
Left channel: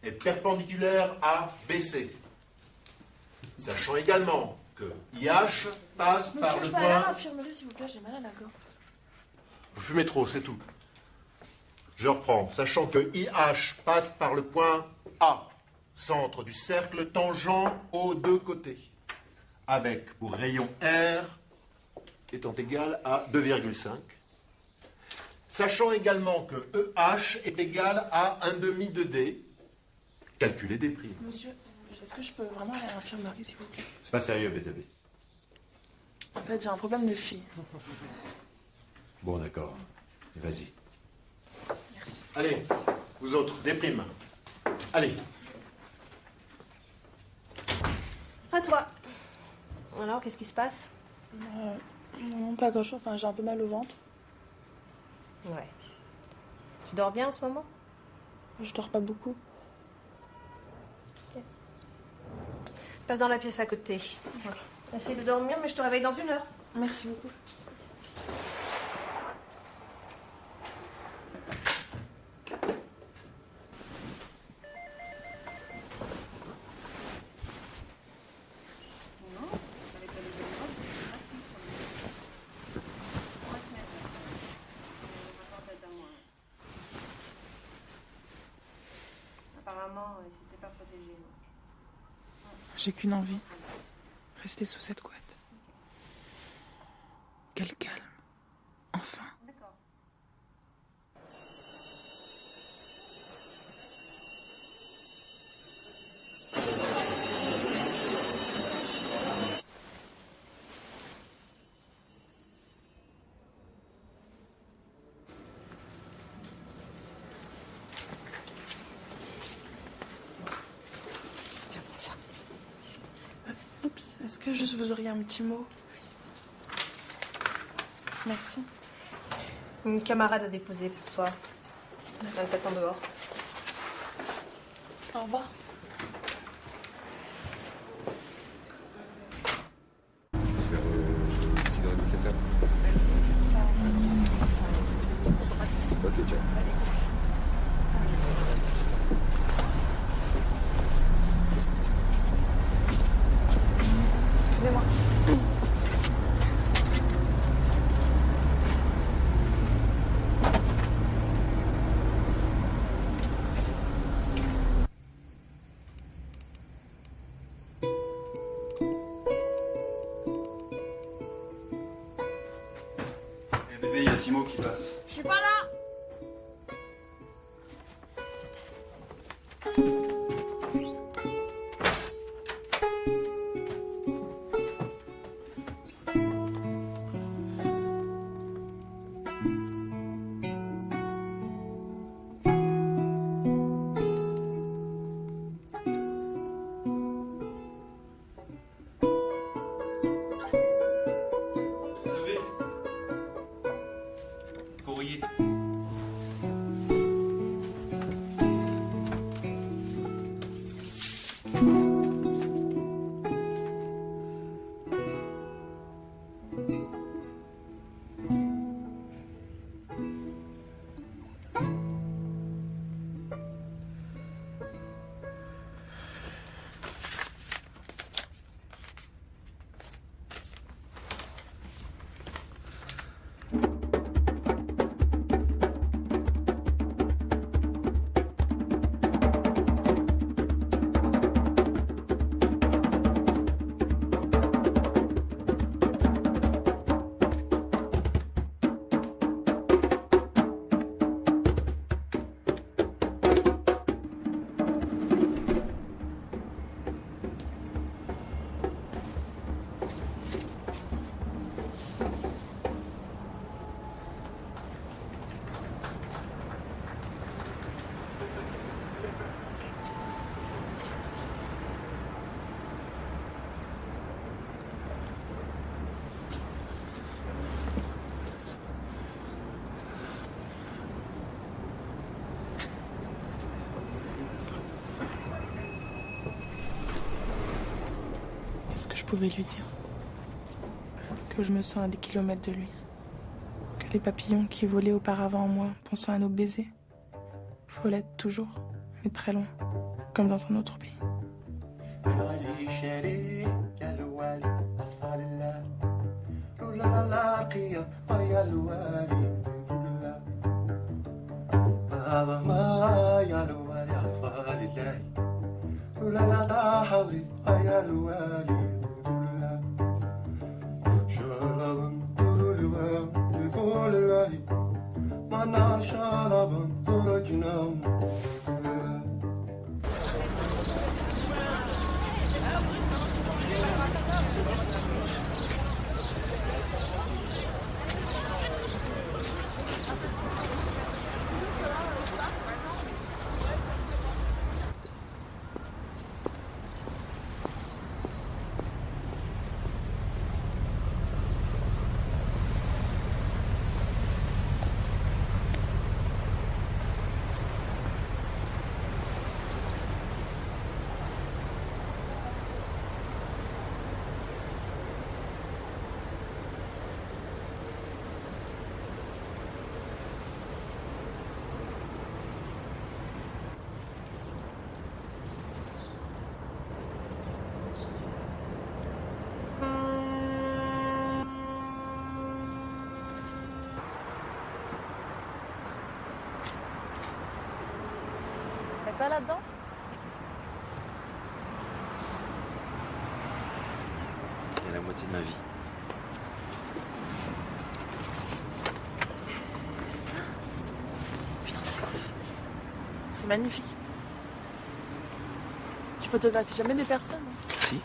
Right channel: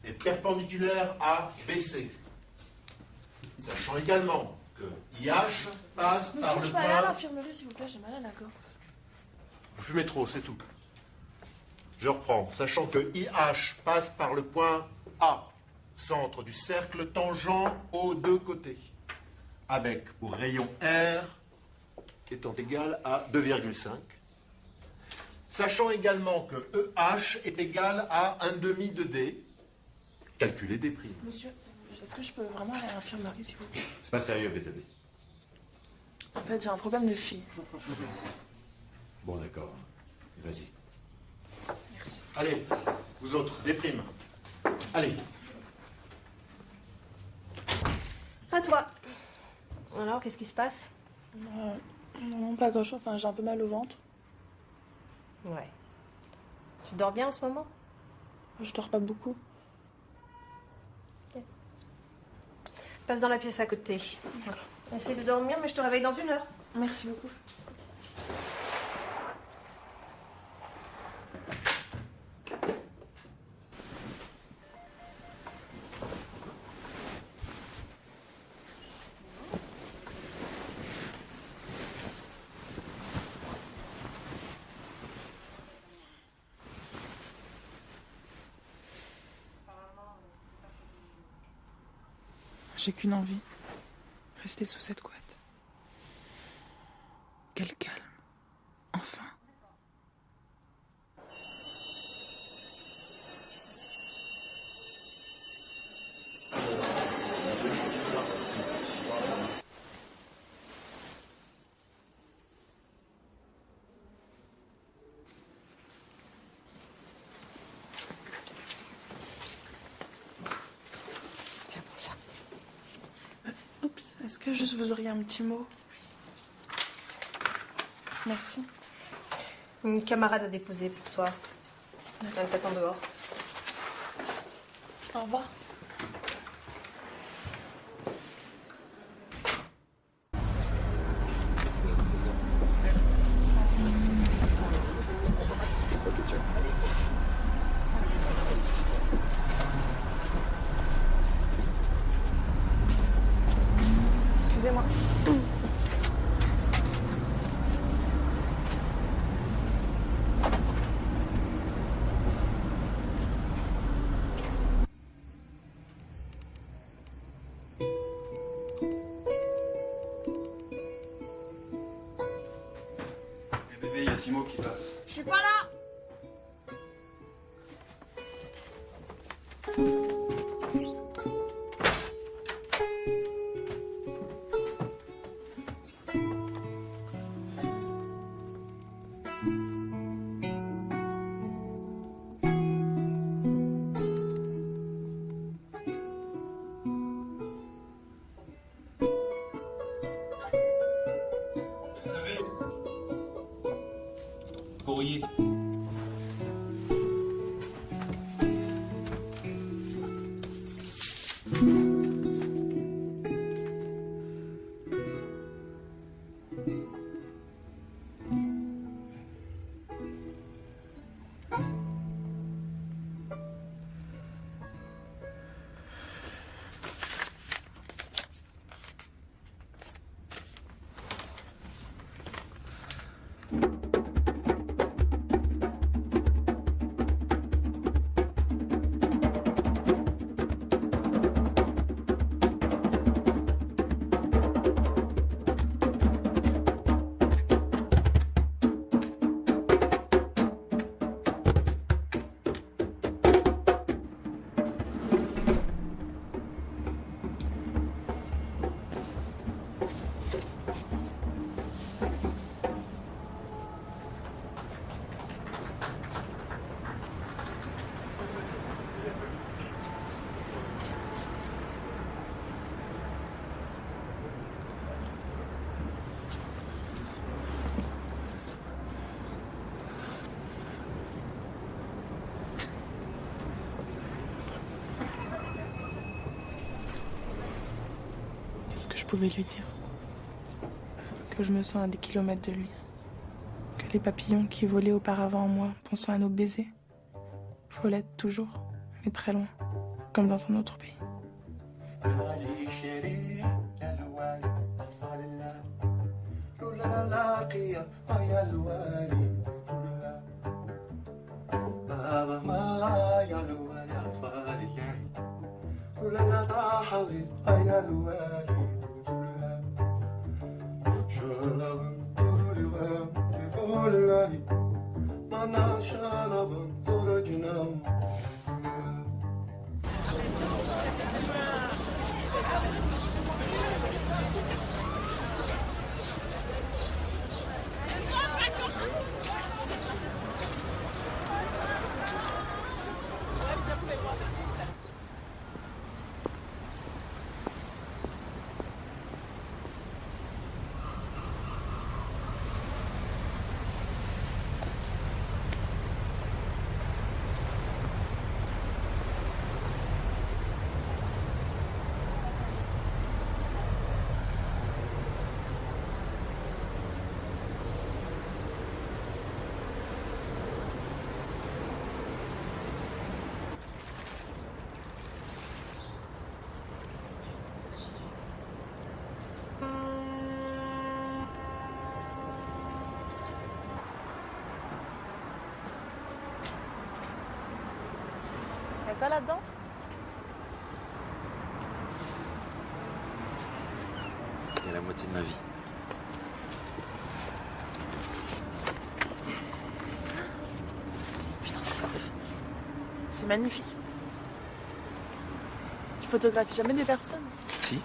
est perpendiculaire à BC, sachant également que IH passe par le Monsieur, je peux aller à point... l'infirmerie, s'il vous plaît, j'ai mal à la gorge. Vous fumez trop, c'est tout. Je reprends. Sachant que IH passe par le point A, centre du cercle tangent aux deux côtés, avec pour rayon R étant égal à 2,5. Sachant également que EH est égal à 1/2 de D, calculez des prix. Monsieur, est-ce que je peux vraiment aller à l'infirmerie, s'il vous plaît? C'est pas sérieux, BTB. En fait, j'ai un problème de fille. Bon, d'accord. Vas-y. Allez, vous autres, des primes. Allez. À toi. Alors, qu'est-ce qui se passe? Non, pas grand-chose. Enfin, j'ai un peu mal au ventre. Ouais. Tu dors bien en ce moment? Je dors pas beaucoup. Passe dans la pièce à côté. Essaye de dormir, mais je te réveille dans 1 heure. Merci beaucoup. J'ai qu'une envie. Rester sous cette couette. Quel calme. Enfin. Tiens, prends ça. Oups. Est-ce que juste vous auriez un petit mot? Merci. Une camarade a déposé pour toi. Elle t'attend dehors. Au revoir. Excusez-moi. Simo qui passe. Je suis pas là. Courrier. Qu'est-ce que je pouvais lui dire? Que je me sens à des kilomètres de lui. Que les papillons qui volaient auparavant en moi, pensant à nos baisers, faut l'être toujours, mais très loin, comme dans un autre pays. T'es pas là-dedans? C'est la moitié de ma vie. C'est magnifique. Tu photographies jamais des personnes, hein? Si.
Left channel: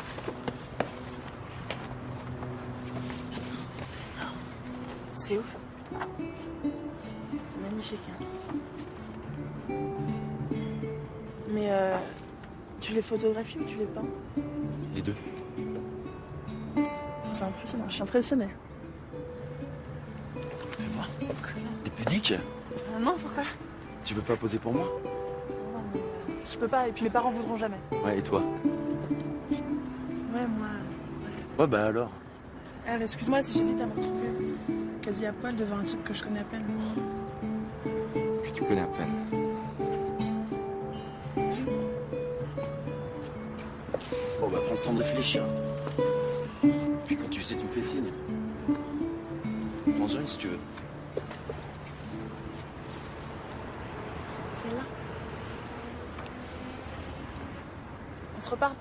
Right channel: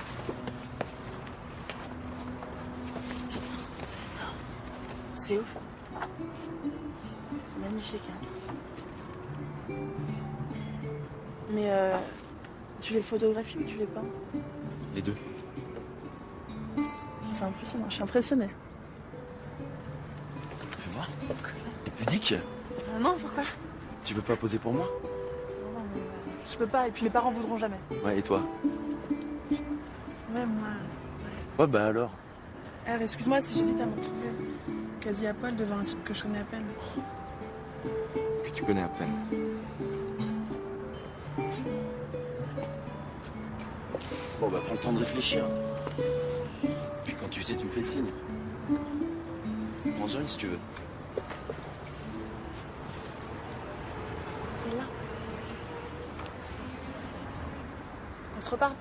C'est énorme. C'est ouf. C'est magnifique. Hein. Mais tu les photographies ou tu les peins? Les deux. C'est impressionnant, je suis impressionnée. Fais voir. T'es pudique? Non, pourquoi? Tu veux pas poser pour moi? Non, mais je peux pas, et puis les parents voudront jamais. Ouais, et toi? Ouais, moi. Ouais, bah alors. Eh, excuse-moi si j'hésite à me retrouver quasi à poil devant un type que je connais à peine. Que tu connais à peine. Bon, bah, prends le temps de réfléchir. Puis quand tu sais, tu me fais signe. Prends-en une si tu veux. C'est là. On se reparle.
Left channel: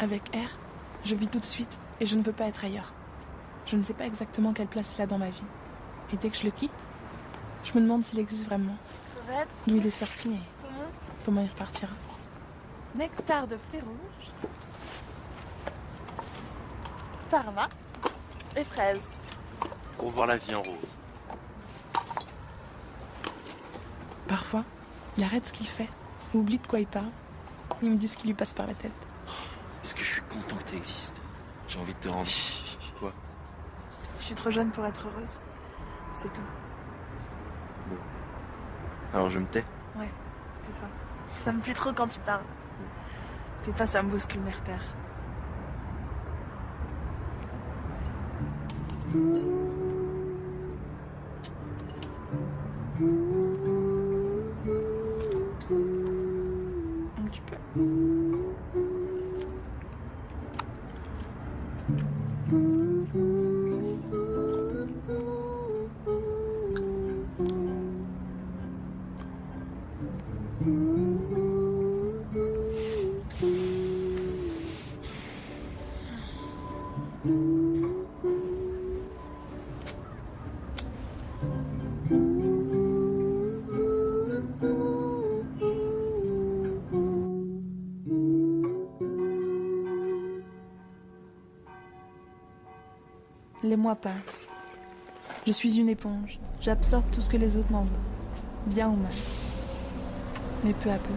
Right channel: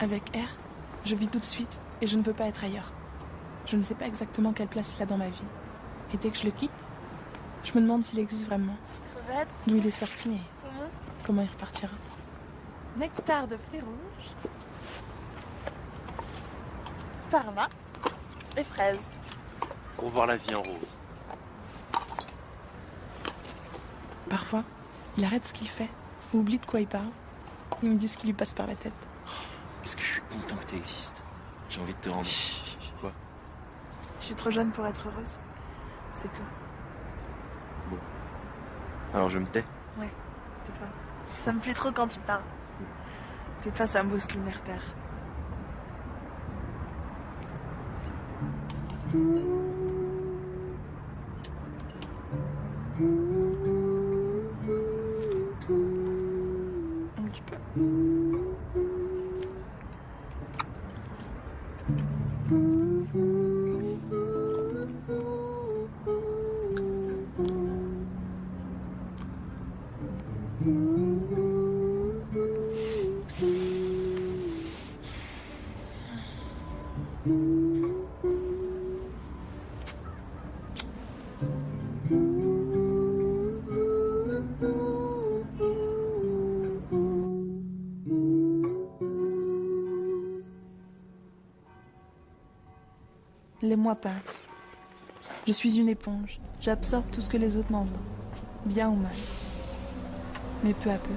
Avec R, je vis tout de suite et je ne veux pas être ailleurs. Je ne sais pas exactement quelle place il a dans ma vie. Et dès que je le quitte, je me demande s'il existe vraiment. D'où il est sorti et comment il repartira. Nectar de fruits rouges. Tarma et fraises. Pour voir la vie en rose. Parfois, il arrête ce qu'il fait, ou oublie de quoi il parle. Il me dit ce qui lui passe par la tête. Parce que je suis content que tu existes. J'ai envie de te rendre. Quoi? Je suis trop jeune pour être heureuse. C'est tout. Bon. Alors je me tais. Ouais, tais-toi. Ça me plaît trop quand tu parles. Tais-toi, ça me bouscule mes repères. Un petit peu. Les mois passent. Je suis une éponge. J'absorbe tout ce que les autres m'envoient, bien ou mal. Mais peu à peu,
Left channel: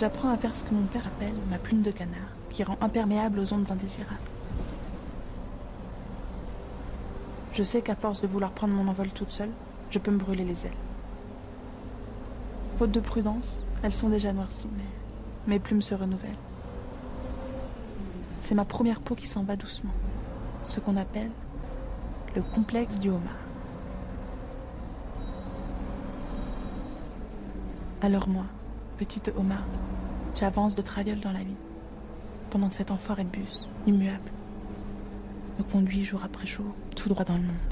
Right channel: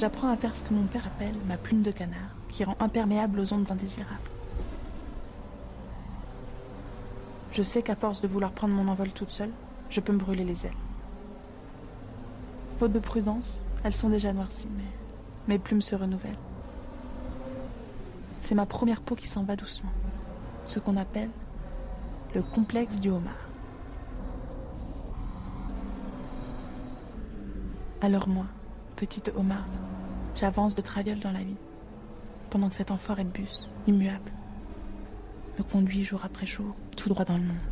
j'apprends à faire ce que mon père appelle ma plume de canard, qui rend imperméable aux ondes indésirables. Je sais qu'à force de vouloir prendre mon envol toute seule, je peux me brûler les ailes. Faute de prudence, elles sont déjà noircies. Mes plumes se renouvellent. C'est ma première peau qui s'en va doucement. Ce qu'on appelle le complexe du homard. Alors moi, petite homard, j'avance de traviole dans la vie, pendant que cet enfoiré de bus, immuable, me conduit jour après jour, tout droit dans le monde.